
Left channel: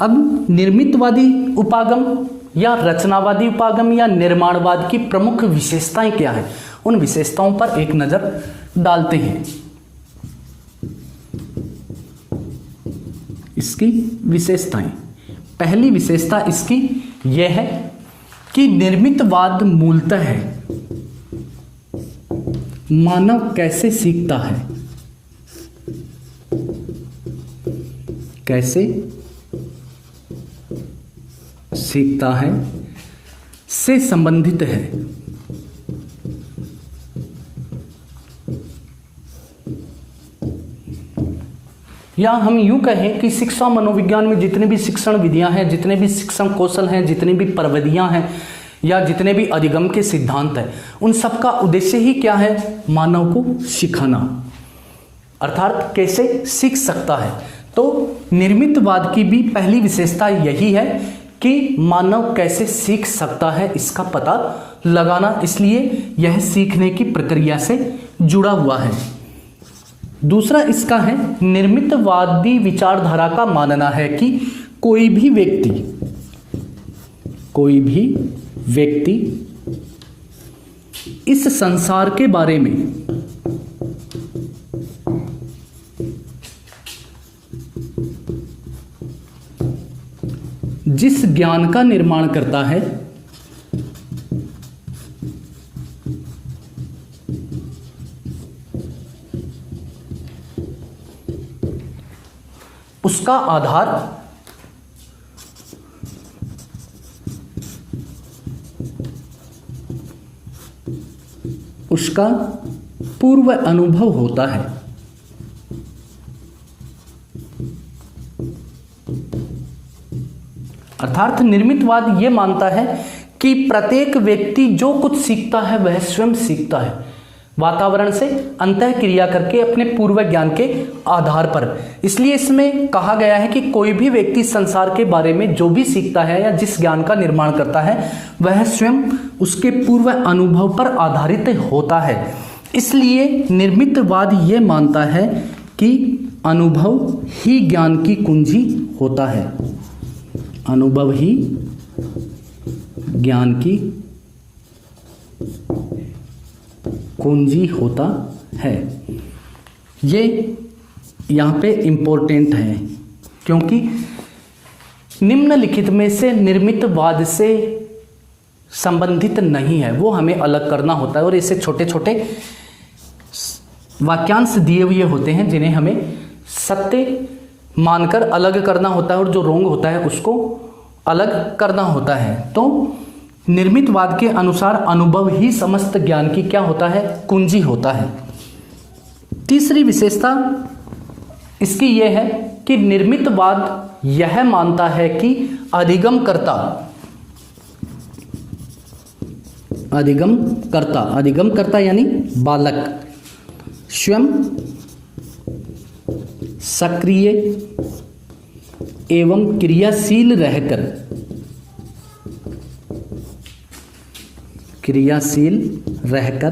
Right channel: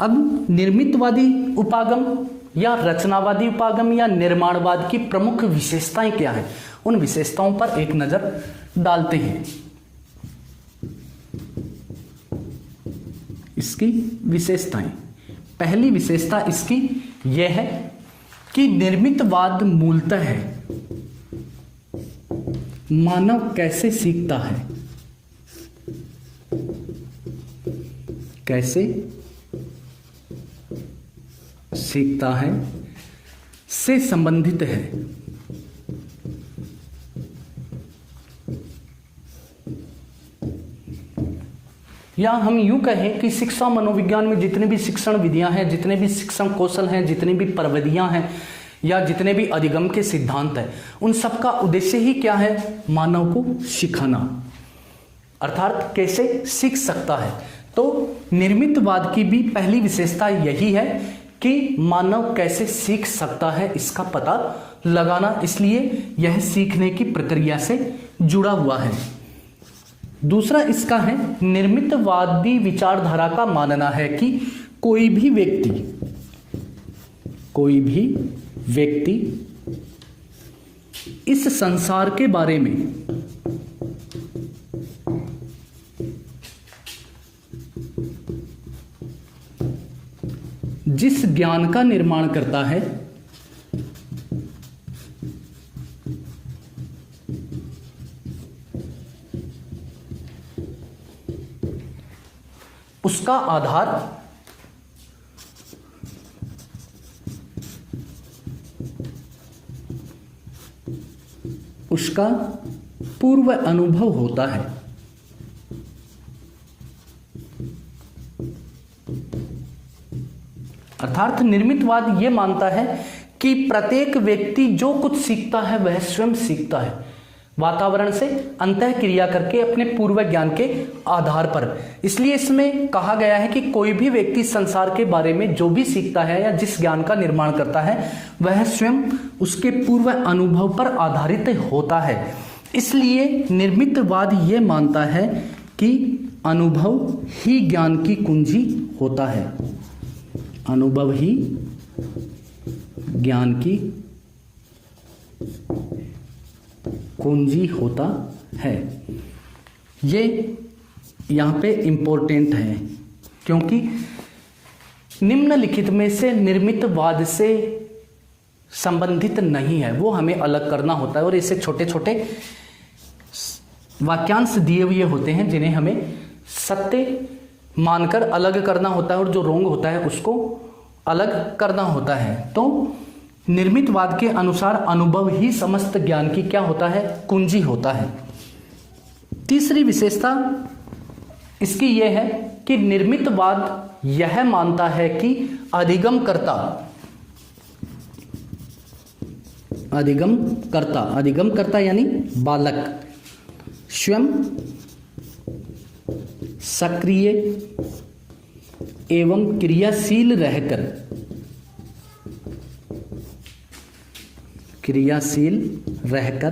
अब निर्मितवादी उपागम या रचनावादी उपागम या निर्माणवाद की प्रमुख विशेषताएं क्या है, उन विशेषताओं पर एक नजर डालते हैं। इसकी विशेषताएं, पहली विशेषता इसकी यह है कि निर्मितवाद मूलतः है मानव कैसे सीखता है, कैसे सीखता है से संबंधित है। या हम यूं कहें कि शिक्षा मनोविज्ञान में जितने भी शिक्षण विधियां हैं, जितने भी शिक्षण कौशल हैं, जितनी भी प्रविधियां हैं या जितने भी अधिगम के सिद्धांत हैं, उन सब का उद्देश्य ही क्या है? मानव को सिखाना, अर्थात कैसे सीख सकता है। तो निर्मितवाद की भी पहली विशेषता यही है कि मानव कैसे सीख सकता है इसका पता लगाना, इसलिए यह सीखने की प्रक्रिया से जुड़ा हुआ है। दूसरा इसका है, निर्मितवादी विचारधारा का मानना है कि कोई भी व्यक्ति इस संसार के बारे में जिस ज्ञान का निर्माण करता है उसका आधार उसका पूर्व अनुभव होता है। अर्थात निर्मितवाद यह मानता है कि प्रत्येक व्यक्ति जो कुछ सीखता है वह स्वयं सीखता है, वातावरण से अंतः क्रिया करके अपने पूर्व ज्ञान के आधार पर। इसलिए इसमें कहा गया है कि कोई भी व्यक्ति संसार के बारे में जो भी सीखता है या जिस ज्ञान का निर्माण करता है वह स्वयं उसके पूर्व अनुभव पर आधारित होता है। इसलिए निर्मितवाद ये मानता है कि अनुभव ही ज्ञान की कुंजी होता है, अनुभव ही ज्ञान की कुंजी होता है। ये यहाँ पे इंपॉर्टेंट है क्योंकि निम्नलिखित में से निर्मितवाद से संबंधित नहीं है, वो हमें अलग करना होता है और ऐसे छोटे छोटे वाक्यांश दिए हुए होते हैं जिन्हें हमें सत्य मानकर अलग करना होता है और जो रोंग होता है उसको अलग करना होता है। तो निर्मितवाद के अनुसार अनुभव ही समस्त ज्ञान की क्या होता है? कुंजी होता है। तीसरी विशेषता इसकी यह है कि निर्मितवाद यह मानता है कि अधिगमकर्ता यानी बालक स्वयं सक्रिय एवं क्रियाशील रहकर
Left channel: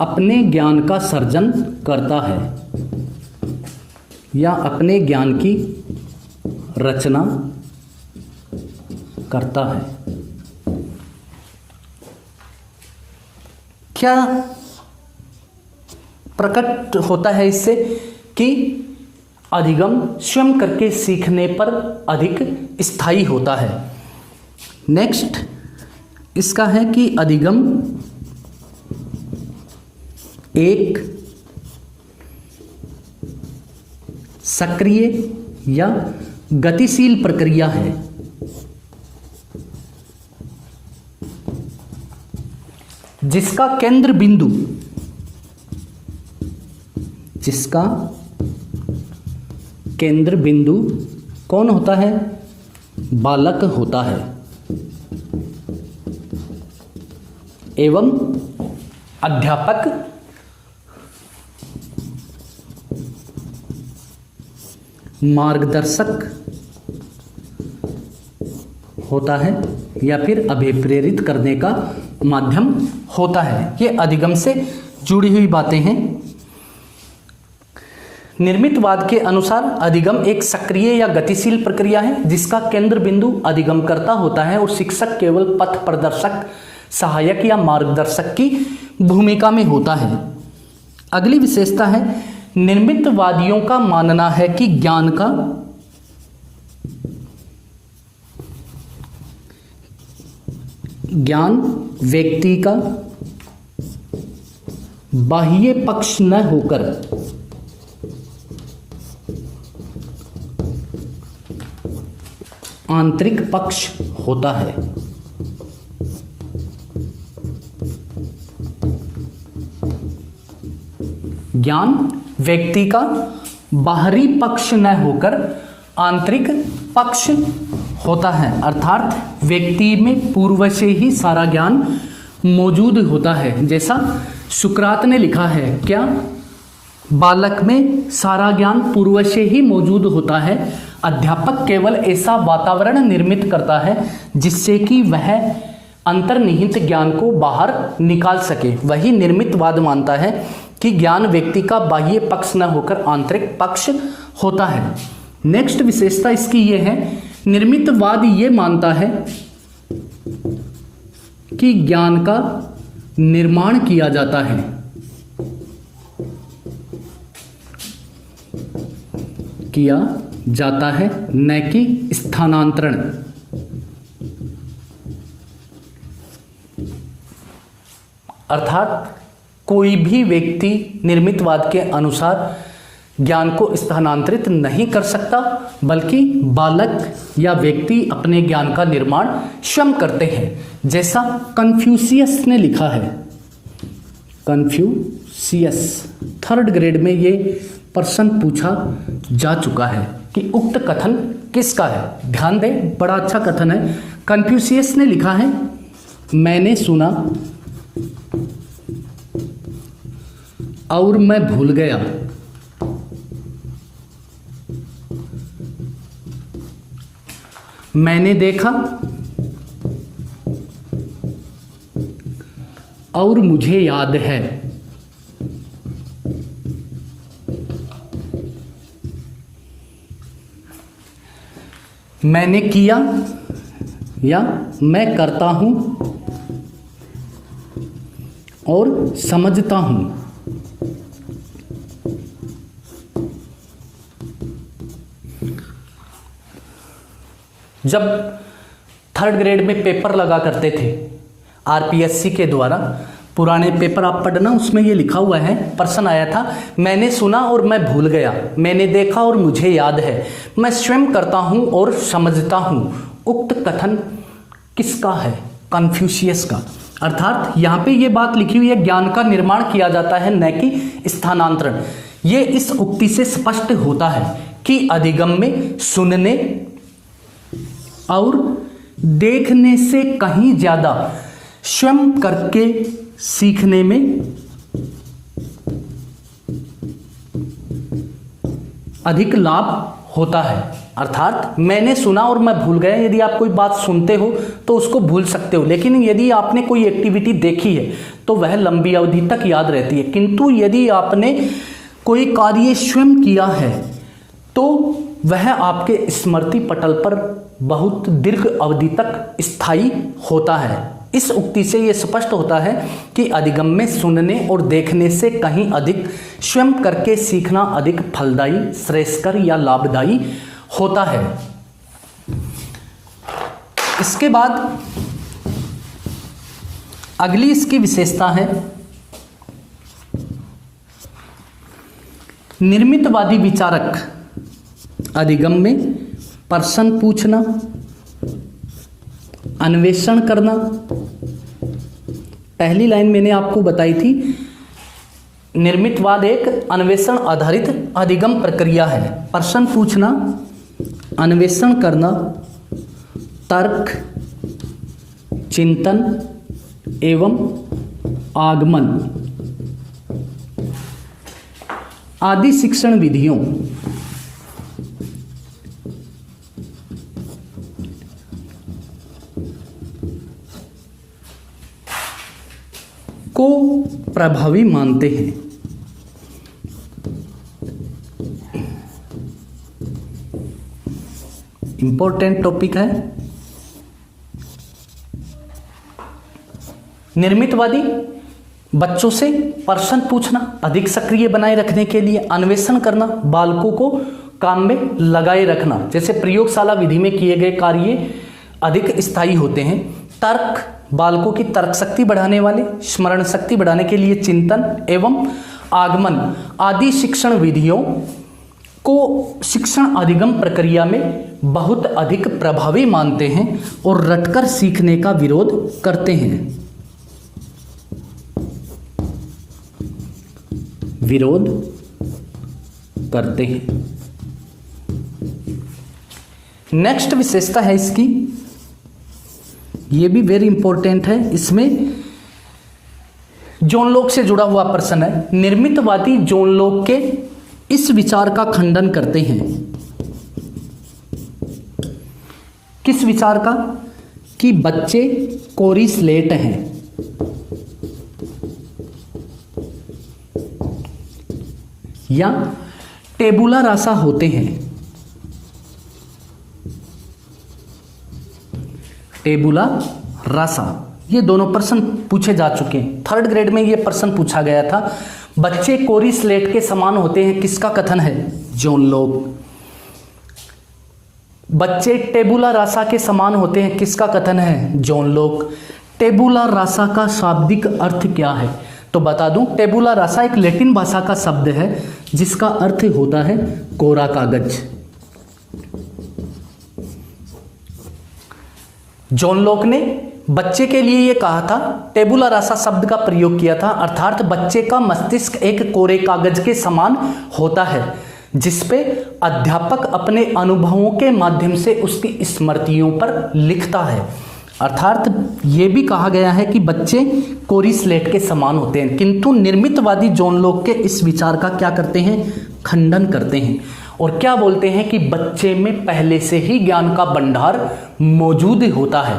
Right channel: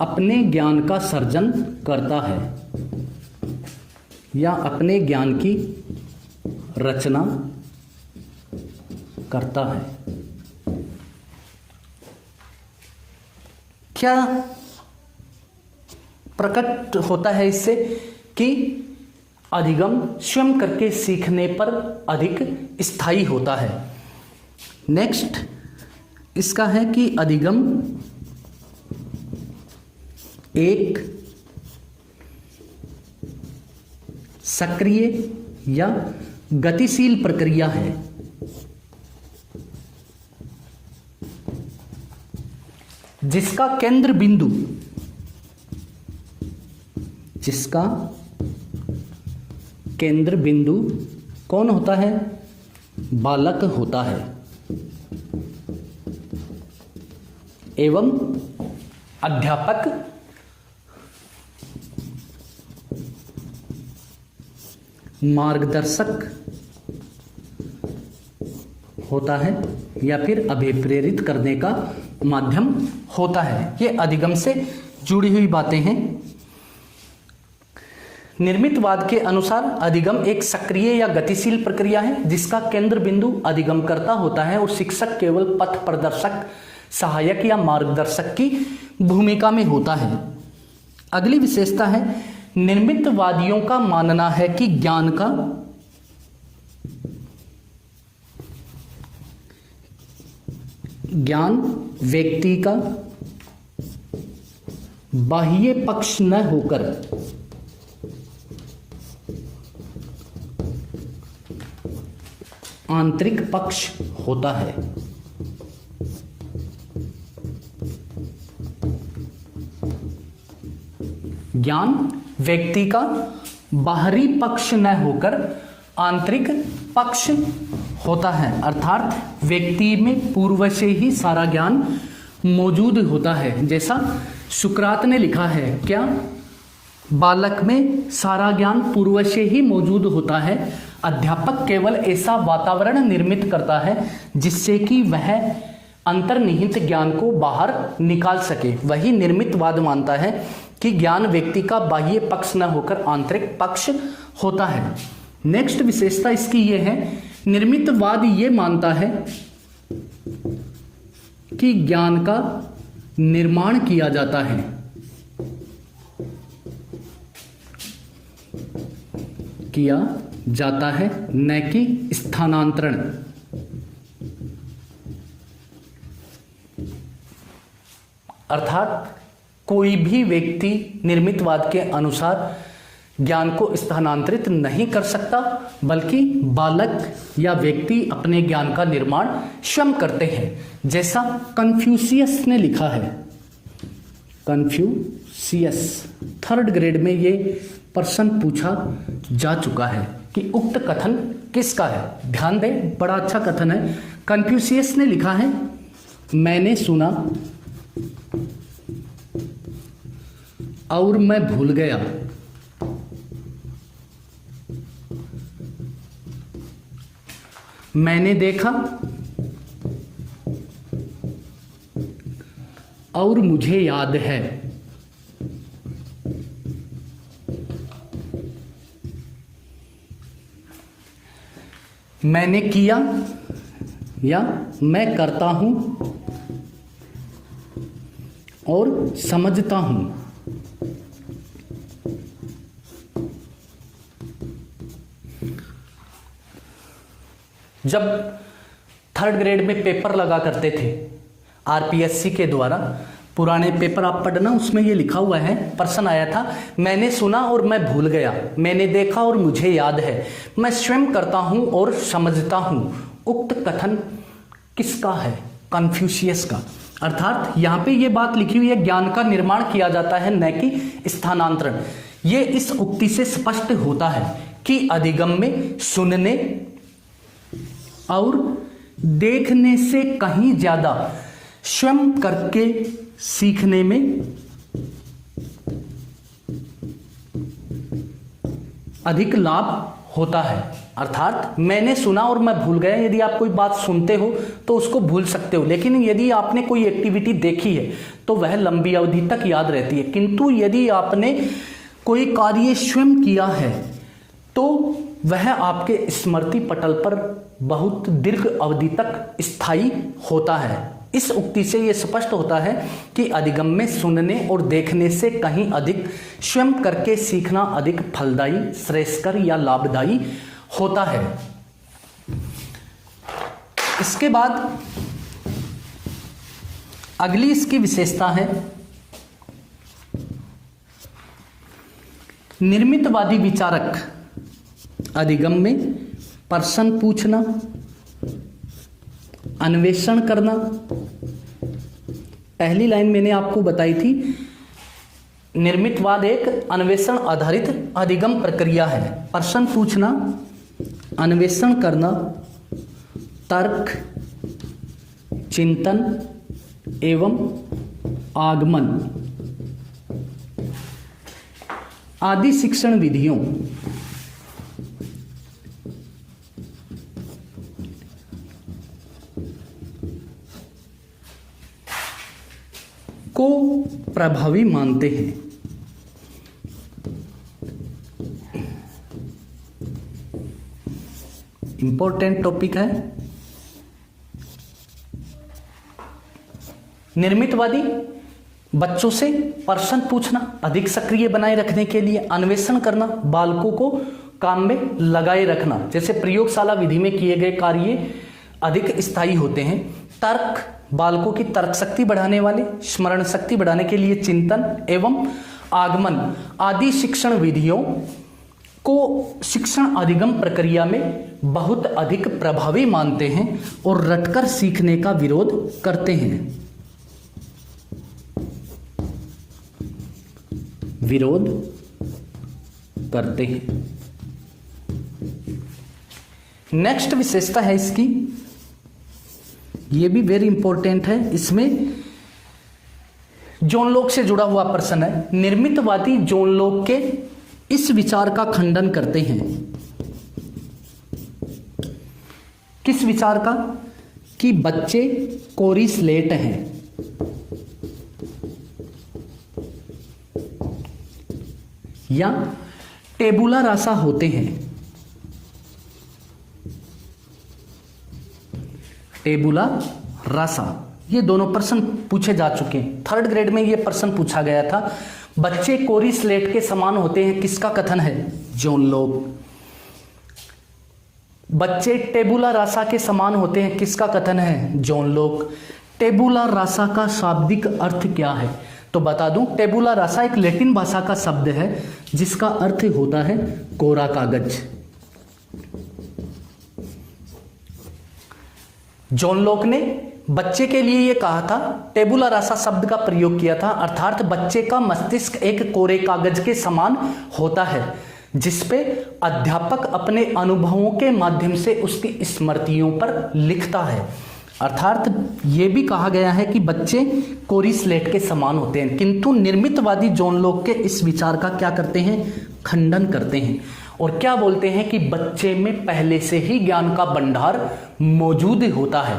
अपने ज्ञान का सर्जन करता है या अपने ज्ञान की रचना करता है। क्या प्रकट होता है इससे कि अधिगम स्वयं करके सीखने पर अधिक स्थायी होता है। नेक्स्ट इसका है कि अधिगम एक सक्रिय या गतिशील प्रक्रिया है जिसका केंद्र बिंदु कौन होता है? बालक होता है एवं अध्यापक मार्गदर्शक होता है या फिर अभिप्रेरित करने का माध्यम होता है। ये अधिगम से जुड़ी हुई बातें हैं। निर्मितवाद के अनुसार अधिगम एक सक्रिय या गतिशील प्रक्रिया है जिसका केंद्र बिंदु अधिगमकर्ता होता है और शिक्षक केवल पथ प्रदर्शक, सहायक या मार्गदर्शक की भूमिका में होता है। अगली विशेषता है निर्मितवादियों का मानना है कि ज्ञान व्यक्ति का बाह्य पक्ष न होकर आंतरिक पक्ष होता है। ज्ञान व्यक्ति का बाहरी पक्ष न होकर आंतरिक पक्ष होता है, अर्थात व्यक्ति में पूर्व से ही सारा ज्ञान मौजूद होता है। जैसा सुकरात ने लिखा है, क्या बालक में सारा ज्ञान पूर्व से ही मौजूद होता है। अध्यापक केवल ऐसा वातावरण निर्मित करता है जिससे कि वह अंतर्निहित ज्ञान को बाहर निकाल सके। वही निर्मितवाद मानता है कि ज्ञान व्यक्ति का बाह्य पक्ष न होकर आंतरिक पक्ष होता है। नेक्स्ट विशेषता इसकी यह है, निर्मितवाद ये मानता है कि ज्ञान का निर्माण किया जाता है न कि स्थानांतरण। अर्थात कोई भी व्यक्ति निर्मितवाद के अनुसार ज्ञान को स्थानांतरित नहीं कर सकता, बल्कि बालक या व्यक्ति अपने ज्ञान का निर्माण स्वयं करते हैं। जैसा कन्फ्यूशियस ने लिखा है, कन्फ्यूशियस 3rd ग्रेड में ये प्रश्न पूछा जा चुका है कि उक्त कथन किसका है। ध्यान दें, बड़ा अच्छा कथन है। कन्फ्यूशियस ने लिखा है, मैंने सुना और मैं भूल गया, मैंने देखा और मुझे याद है। मैंने किया या मैं करता हूं और समझता हूं। जब 3rd ग्रेड में पेपर लगा करते थे आरपीएससी के द्वारा, पुराने पेपर आप पढ़ना, उसमें ये लिखा हुआ है, प्रश्न आया था, मैंने सुना और मैं भूल गया, मैंने देखा और मुझे याद है, मैं स्वयं करता हूं और समझता हूं। उक्त कथन किसका है? कन्फ्यूशियस का। अर्थात यहां पे ये बात लिखी हुई है, ज्ञान का निर्माण किया जाता है न कि स्थानांतरण। ये इस उक्ति से स्पष्ट होता है कि अधिगम में सुनने और देखने से कहीं ज्यादा स्वयं करके सीखने में अधिक लाभ होता है। अर्थात मैंने सुना और मैं भूल गया, यदि आप कोई बात सुनते हो तो उसको भूल सकते हो, लेकिन यदि आपने कोई एक्टिविटी देखी है तो वह लंबी अवधि तक याद रहती है, किंतु यदि आपने कोई कार्य स्वयं किया है तो वह आपके स्मृति पटल पर बहुत दीर्घ अवधि तक स्थायी होता है। इस उक्ति से यह स्पष्ट होता है कि अधिगम में सुनने और देखने से कहीं अधिक स्वयं करके सीखना अधिक फलदायी, श्रेयस्कर या लाभदायी होता है। इसके बाद अगली इसकी विशेषता है निर्मितवादी विचारक अधिगम में प्रश्न पूछना, अन्वेषण करना। पहली लाइन मैंने आपको बताई थी, निर्मितवाद एक अन्वेषण आधारित अधिगम प्रक्रिया है। प्रश्न पूछना, अन्वेषण करना, तर्क, चिंतन एवं आगमन आदि शिक्षण विधियों को प्रभावी मानते हैं। इंपॉर्टेंट टॉपिक है। निर्मितवादी बच्चों से प्रश्न पूछना अधिक सक्रिय बनाए रखने के लिए, अन्वेषण करना बालकों को काम में लगाए रखना, जैसे प्रयोगशाला विधि में किए गए कार्य अधिक स्थायी होते हैं। तर्क बालकों की तर्क शक्ति बढ़ाने वाले, स्मरण शक्ति बढ़ाने के लिए चिंतन एवं आगमन आदि शिक्षण विधियों को शिक्षण अधिगम प्रक्रिया में बहुत अधिक प्रभावी मानते हैं और रटकर सीखने का विरोध करते हैं। विरोध करते हैं। नेक्स्ट विशेषता है इसकी, ये भी वेरी इंपॉर्टेंट है। इसमें जॉन लॉक से जुड़ा हुआ प्रश्न है। निर्मितवादी जॉन लॉक के इस विचार का खंडन करते हैं। किस विचार का? कि बच्चे कोरी स्लेट हैं। या टेबुला रासा होते हैं। टेबुला रासा, ये दोनों प्रश्न पूछे जा चुके हैं। थर्ड ग्रेड में ये प्रश्न पूछा गया था। बच्चे कोरी स्लेट के समान होते हैं, किसका कथन है? John Locke. बच्चे टेबुला रासा के समान होते हैं, किसका कथन है? John Locke. टेबुला रासा का शाब्दिक अर्थ क्या है? तो बता दूं, टेबुला रासा एक लैटिन भाषा का शब्द है जिसका अर्थ होता है कोरा कागज। जॉन लॉक ने बच्चे के लिए यह कहा था, टेबुला रासा शब्द का प्रयोग किया था, अर्थात बच्चे का मस्तिष्क एक कोरे कागज के समान होता है जिसपे अध्यापक अपने अनुभवों के माध्यम से उसकी स्मृतियों पर लिखता है। अर्थात ये भी कहा गया है कि बच्चे कोरी स्लेट के समान होते हैं, किंतु निर्मितवादी जॉन लॉक के इस विचार का क्या करते हैं? खंडन करते हैं और क्या बोलते हैं कि बच्चे में पहले से ही ज्ञान का भंडार मौजूद होता है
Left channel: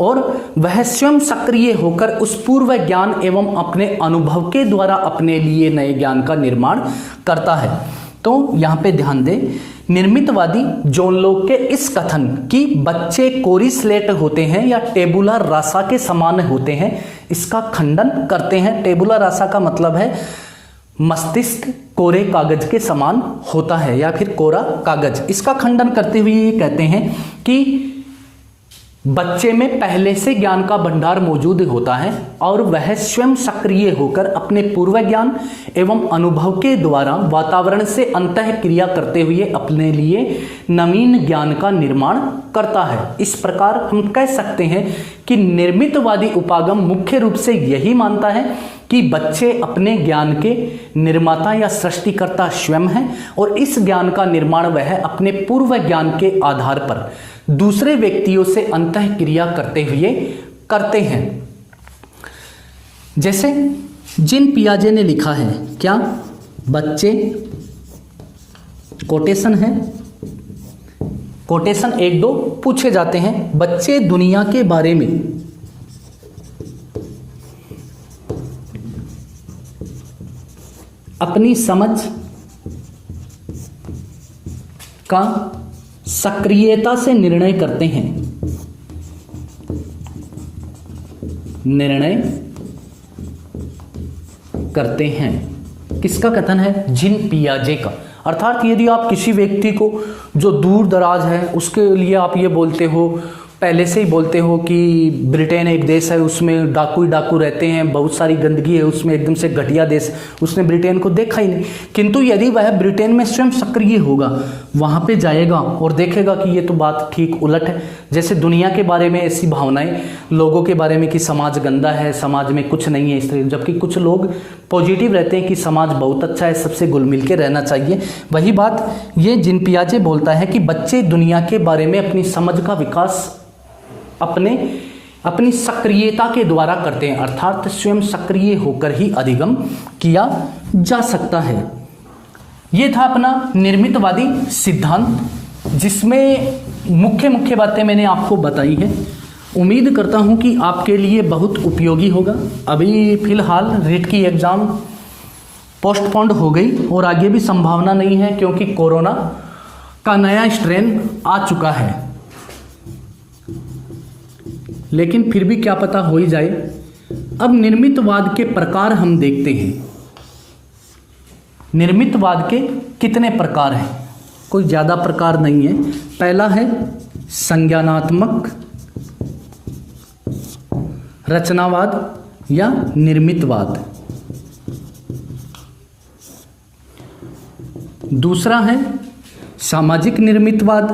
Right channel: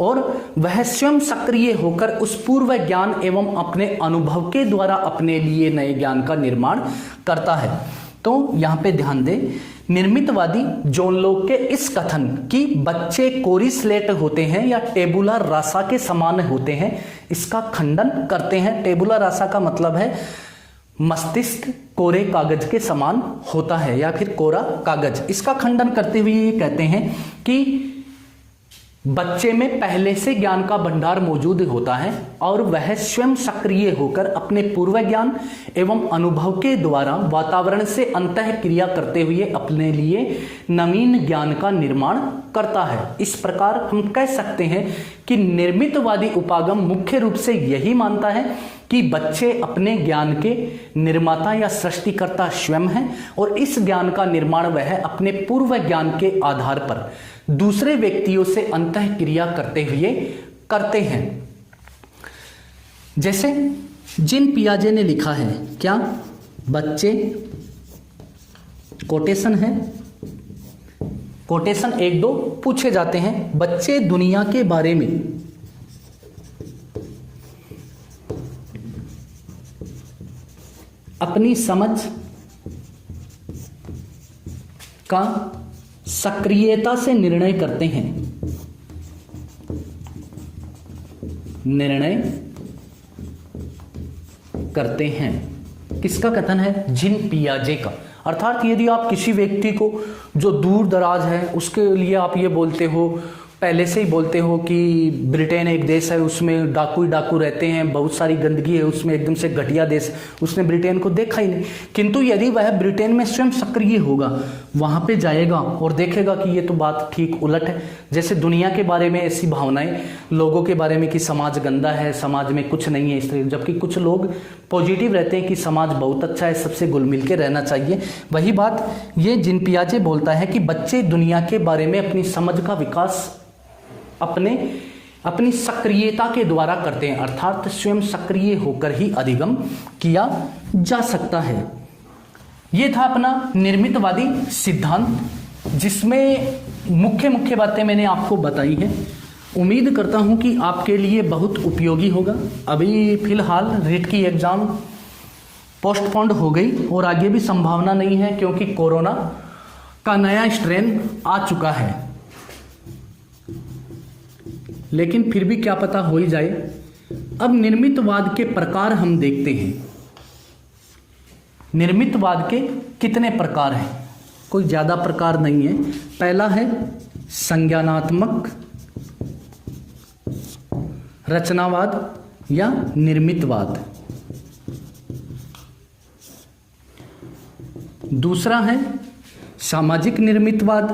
और वह स्वयं सक्रिय होकर उस पूर्व ज्ञान एवं अपने अनुभव के द्वारा अपने लिए नए ज्ञान का निर्माण करता है। तो यहां पे ध्यान दें, निर्मितवादी जॉन लॉक के इस कथन कि बच्चे कोरी स्लेट होते हैं या टेबुला रासा के समान होते हैं, इसका खंडन करते हैं। टेबुला रासा का मतलब है मस्तिष्क कोरे कागज के समान होता है या फिर कोरा कागज। इसका खंडन करते हुए ये कहते हैं कि बच्चे में पहले से ज्ञान का भंडार मौजूद होता है और वह स्वयं सक्रिय होकर अपने पूर्व ज्ञान एवं अनुभव के द्वारा वातावरण से अंतः क्रिया करते हुए अपने लिए नवीन ज्ञान का निर्माण करता है। इस प्रकार हम कह सकते हैं कि निर्मितवादी उपागम मुख्य रूप से यही मानता है कि बच्चे अपने ज्ञान के निर्माता या सृष्टिकर्ता स्वयं हैं और इस ज्ञान का निर्माण वह अपने पूर्व ज्ञान के आधार पर दूसरे व्यक्तियों से अंतः क्रिया करते हुए करते हैं। जैसे जिन पियाजे ने लिखा है, क्या? बच्चे, कोटेशन है, कोटेशन 1-2 पूछे जाते हैं। बच्चे दुनिया के बारे में अपनी समझ का सक्रियता से निर्णय करते हैं। निर्णय करते हैं किसका कथन है? जीन पियाजे का। अर्थात यदि आप किसी व्यक्ति को जो दूर दराज है उसके लिए आप ये बोलते हो, पहले से ही बोलते हो कि ब्रिटेन एक देश है, उसमें डाकू ही डाकू रहते हैं, बहुत सारी गंदगी है उसमें, एकदम से घटिया देश, उसने ब्रिटेन को देखा ही नहीं, किंतु यदि वह ब्रिटेन में स्वयं सक्रिय होगा, वहां पे जाएगा और देखेगा कि ये तो बात ठीक उलट है। जैसे दुनिया के बारे में ऐसी भावनाएं लोगों के बारे में कि समाज गंदा है, समाज में कुछ नहीं है इस तरह, जबकि कुछ लोग पॉजिटिव रहते हैं कि समाज बहुत अच्छा है, सबसे घुल मिल के रहना चाहिए। वही बात ये जीन पियाजे बोलता है कि बच्चे दुनिया के बारे में अपनी समझ का विकास अपनी सक्रियता के द्वारा करते हैं, अर्थात स्वयं सक्रिय होकर ही अधिगम किया जा सकता है। यह था अपना निर्मितवादी सिद्धांत, जिसमें मुख्य मुख्य बातें मैंने आपको बताई है। उम्मीद करता हूं कि आपके लिए बहुत उपयोगी होगा। अभी फिलहाल रीट की एग्जाम पोस्टपोन्ड हो गई और आगे भी संभावना नहीं है, क्योंकि कोरोना का नया स्ट्रेन आ चुका है, लेकिन फिर भी क्या पता हो ही जाए। अब निर्मितवाद के प्रकार हम देखते हैं। निर्मितवाद के कितने प्रकार हैं? कोई ज्यादा प्रकार नहीं है। पहला है संज्ञानात्मक रचनावाद या निर्मितवाद। दूसरा है सामाजिक निर्मितवाद।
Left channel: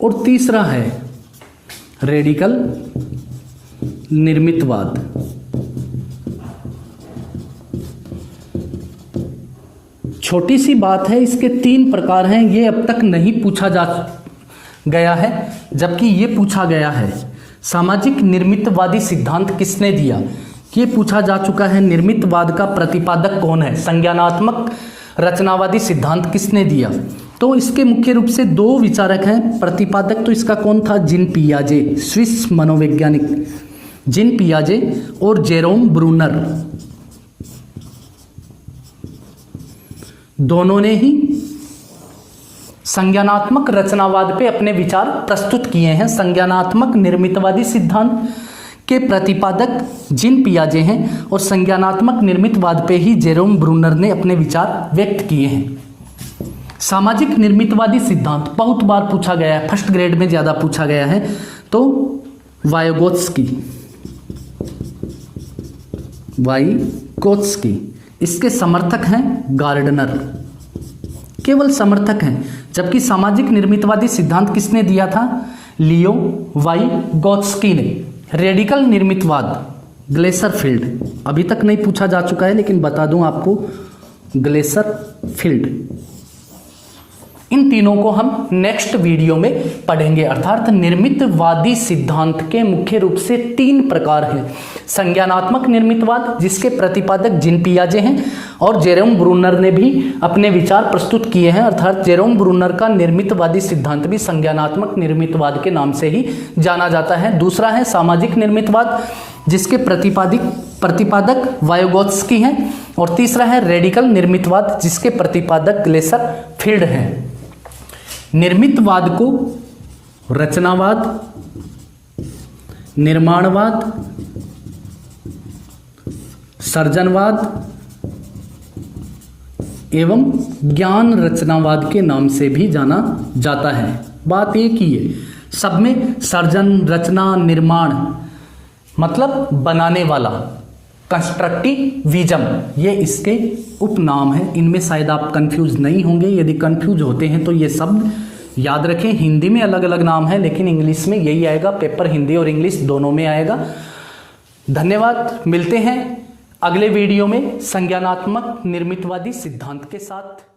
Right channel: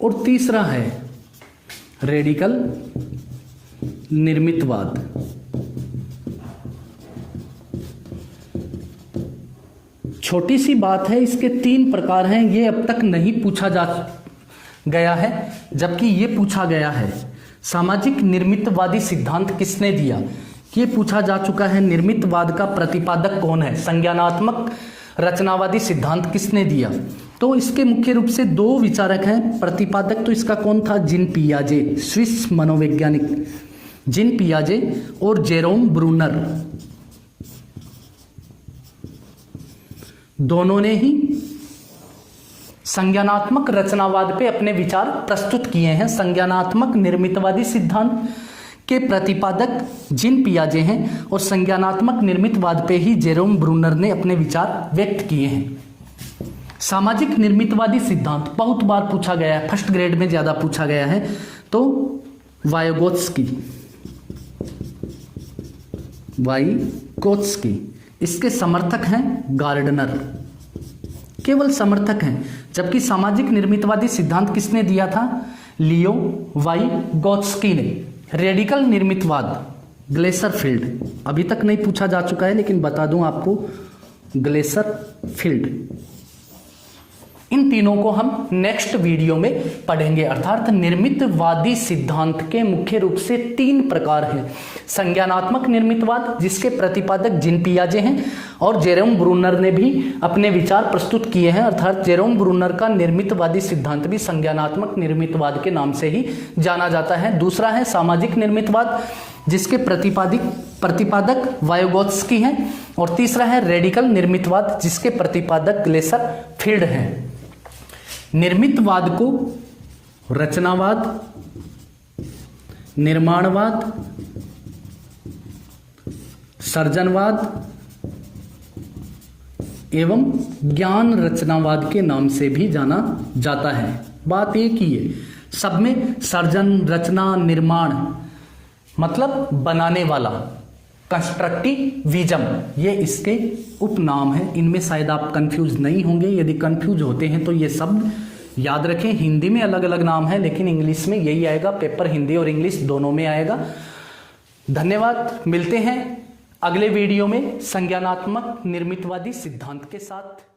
और तीसरा है रेडिकल निर्मितवाद। छोटी सी बात है, इसके 3 प्रकार हैं। ये अब तक नहीं पूछा जा गया है, जबकि ये पूछा गया है। सामाजिक निर्मितवादी सिद्धांत किसने दिया, ये पूछा जा चुका है। निर्मितवाद का प्रतिपादक कौन है? संज्ञानात्मक रचनावादी सिद्धांत किसने दिया? तो इसके मुख्य रूप से 2 विचारक हैं। प्रतिपादक तो इसका कौन था? जीन पियाजे, स्विस मनोवैज्ञानिक जीन पियाजे और जेरोम ब्रूनर, दोनों ने ही संज्ञानात्मक रचनावाद पे अपने विचार प्रस्तुत किए हैं। संज्ञानात्मक निर्मितवादी सिद्धांत के प्रतिपादक जीन पियाजे हैं और संज्ञानात्मक निर्मितवाद पे ही जेरोम ब्रूनर ने अपने विचार व्यक्त किए हैं। सामाजिक निर्मितवादी सिद्धांत बहुत बार पूछा गया है, फर्स्ट ग्रेड में ज्यादा पूछा गया है। तो वाइगोत्स्की, इसके समर्थक हैं गार्डनर, केवल समर्थक हैं। जबकि सामाजिक निर्मितवादी सिद्धांत किसने दिया था? लियो वाइगोत्स्की ने। रेडिकल निर्मितवाद ग्लेसरफील्ड, अभी तक नहीं पूछा जा चुका है लेकिन बता दूं आपको, ग्लेसरफील्ड। इन तीनों को हम नेक्स्ट वीडियो में पढ़ेंगे। अर्थात निर्मितवादी सिद्धांत के मुख्य रूप से 3 प्रकार हैं। संज्ञानात्मक निर्मितवाद, जिसके प्रतिपादक जीन पियाजे हैं, और जेरोम ब्रूनर ने भी अपने विचार प्रस्तुत किए हैं। अर्थात जेरोम ब्रूनर का निर्मितवादी सिद्धांत भी संज्ञानात्मक निर्मितवाद के नाम से ही जाना जाता है। दूसरा है सामाजिक निर्मितवाद, जिसके प्रतिपादक वाइगोत्स्की हैं, और तीसरा है रेडिकल निर्मितवाद, जिसके प्रतिपादक ग्लेसरफील्ड हैं। निर्मितवाद को रचनावाद, निर्माणवाद, सृजनवाद एवं ज्ञान रचनावाद के नाम से भी जाना जाता है। बात एक ही है, सब में सृजन, रचना, निर्माण मतलब बनाने वाला, कंस्ट्रक्टिविज्म, ये इसके उपनाम है। इनमें शायद आप कंफ्यूज नहीं होंगे। यदि कंफ्यूज होते हैं तो ये शब्द याद रखें। हिंदी में अलग अलग नाम है, लेकिन इंग्लिश में यही आएगा। पेपर हिंदी और इंग्लिश दोनों में आएगा। धन्यवाद। मिलते हैं अगले वीडियो में संज्ञानात्मक निर्मितवादी सिद्धांत के साथ।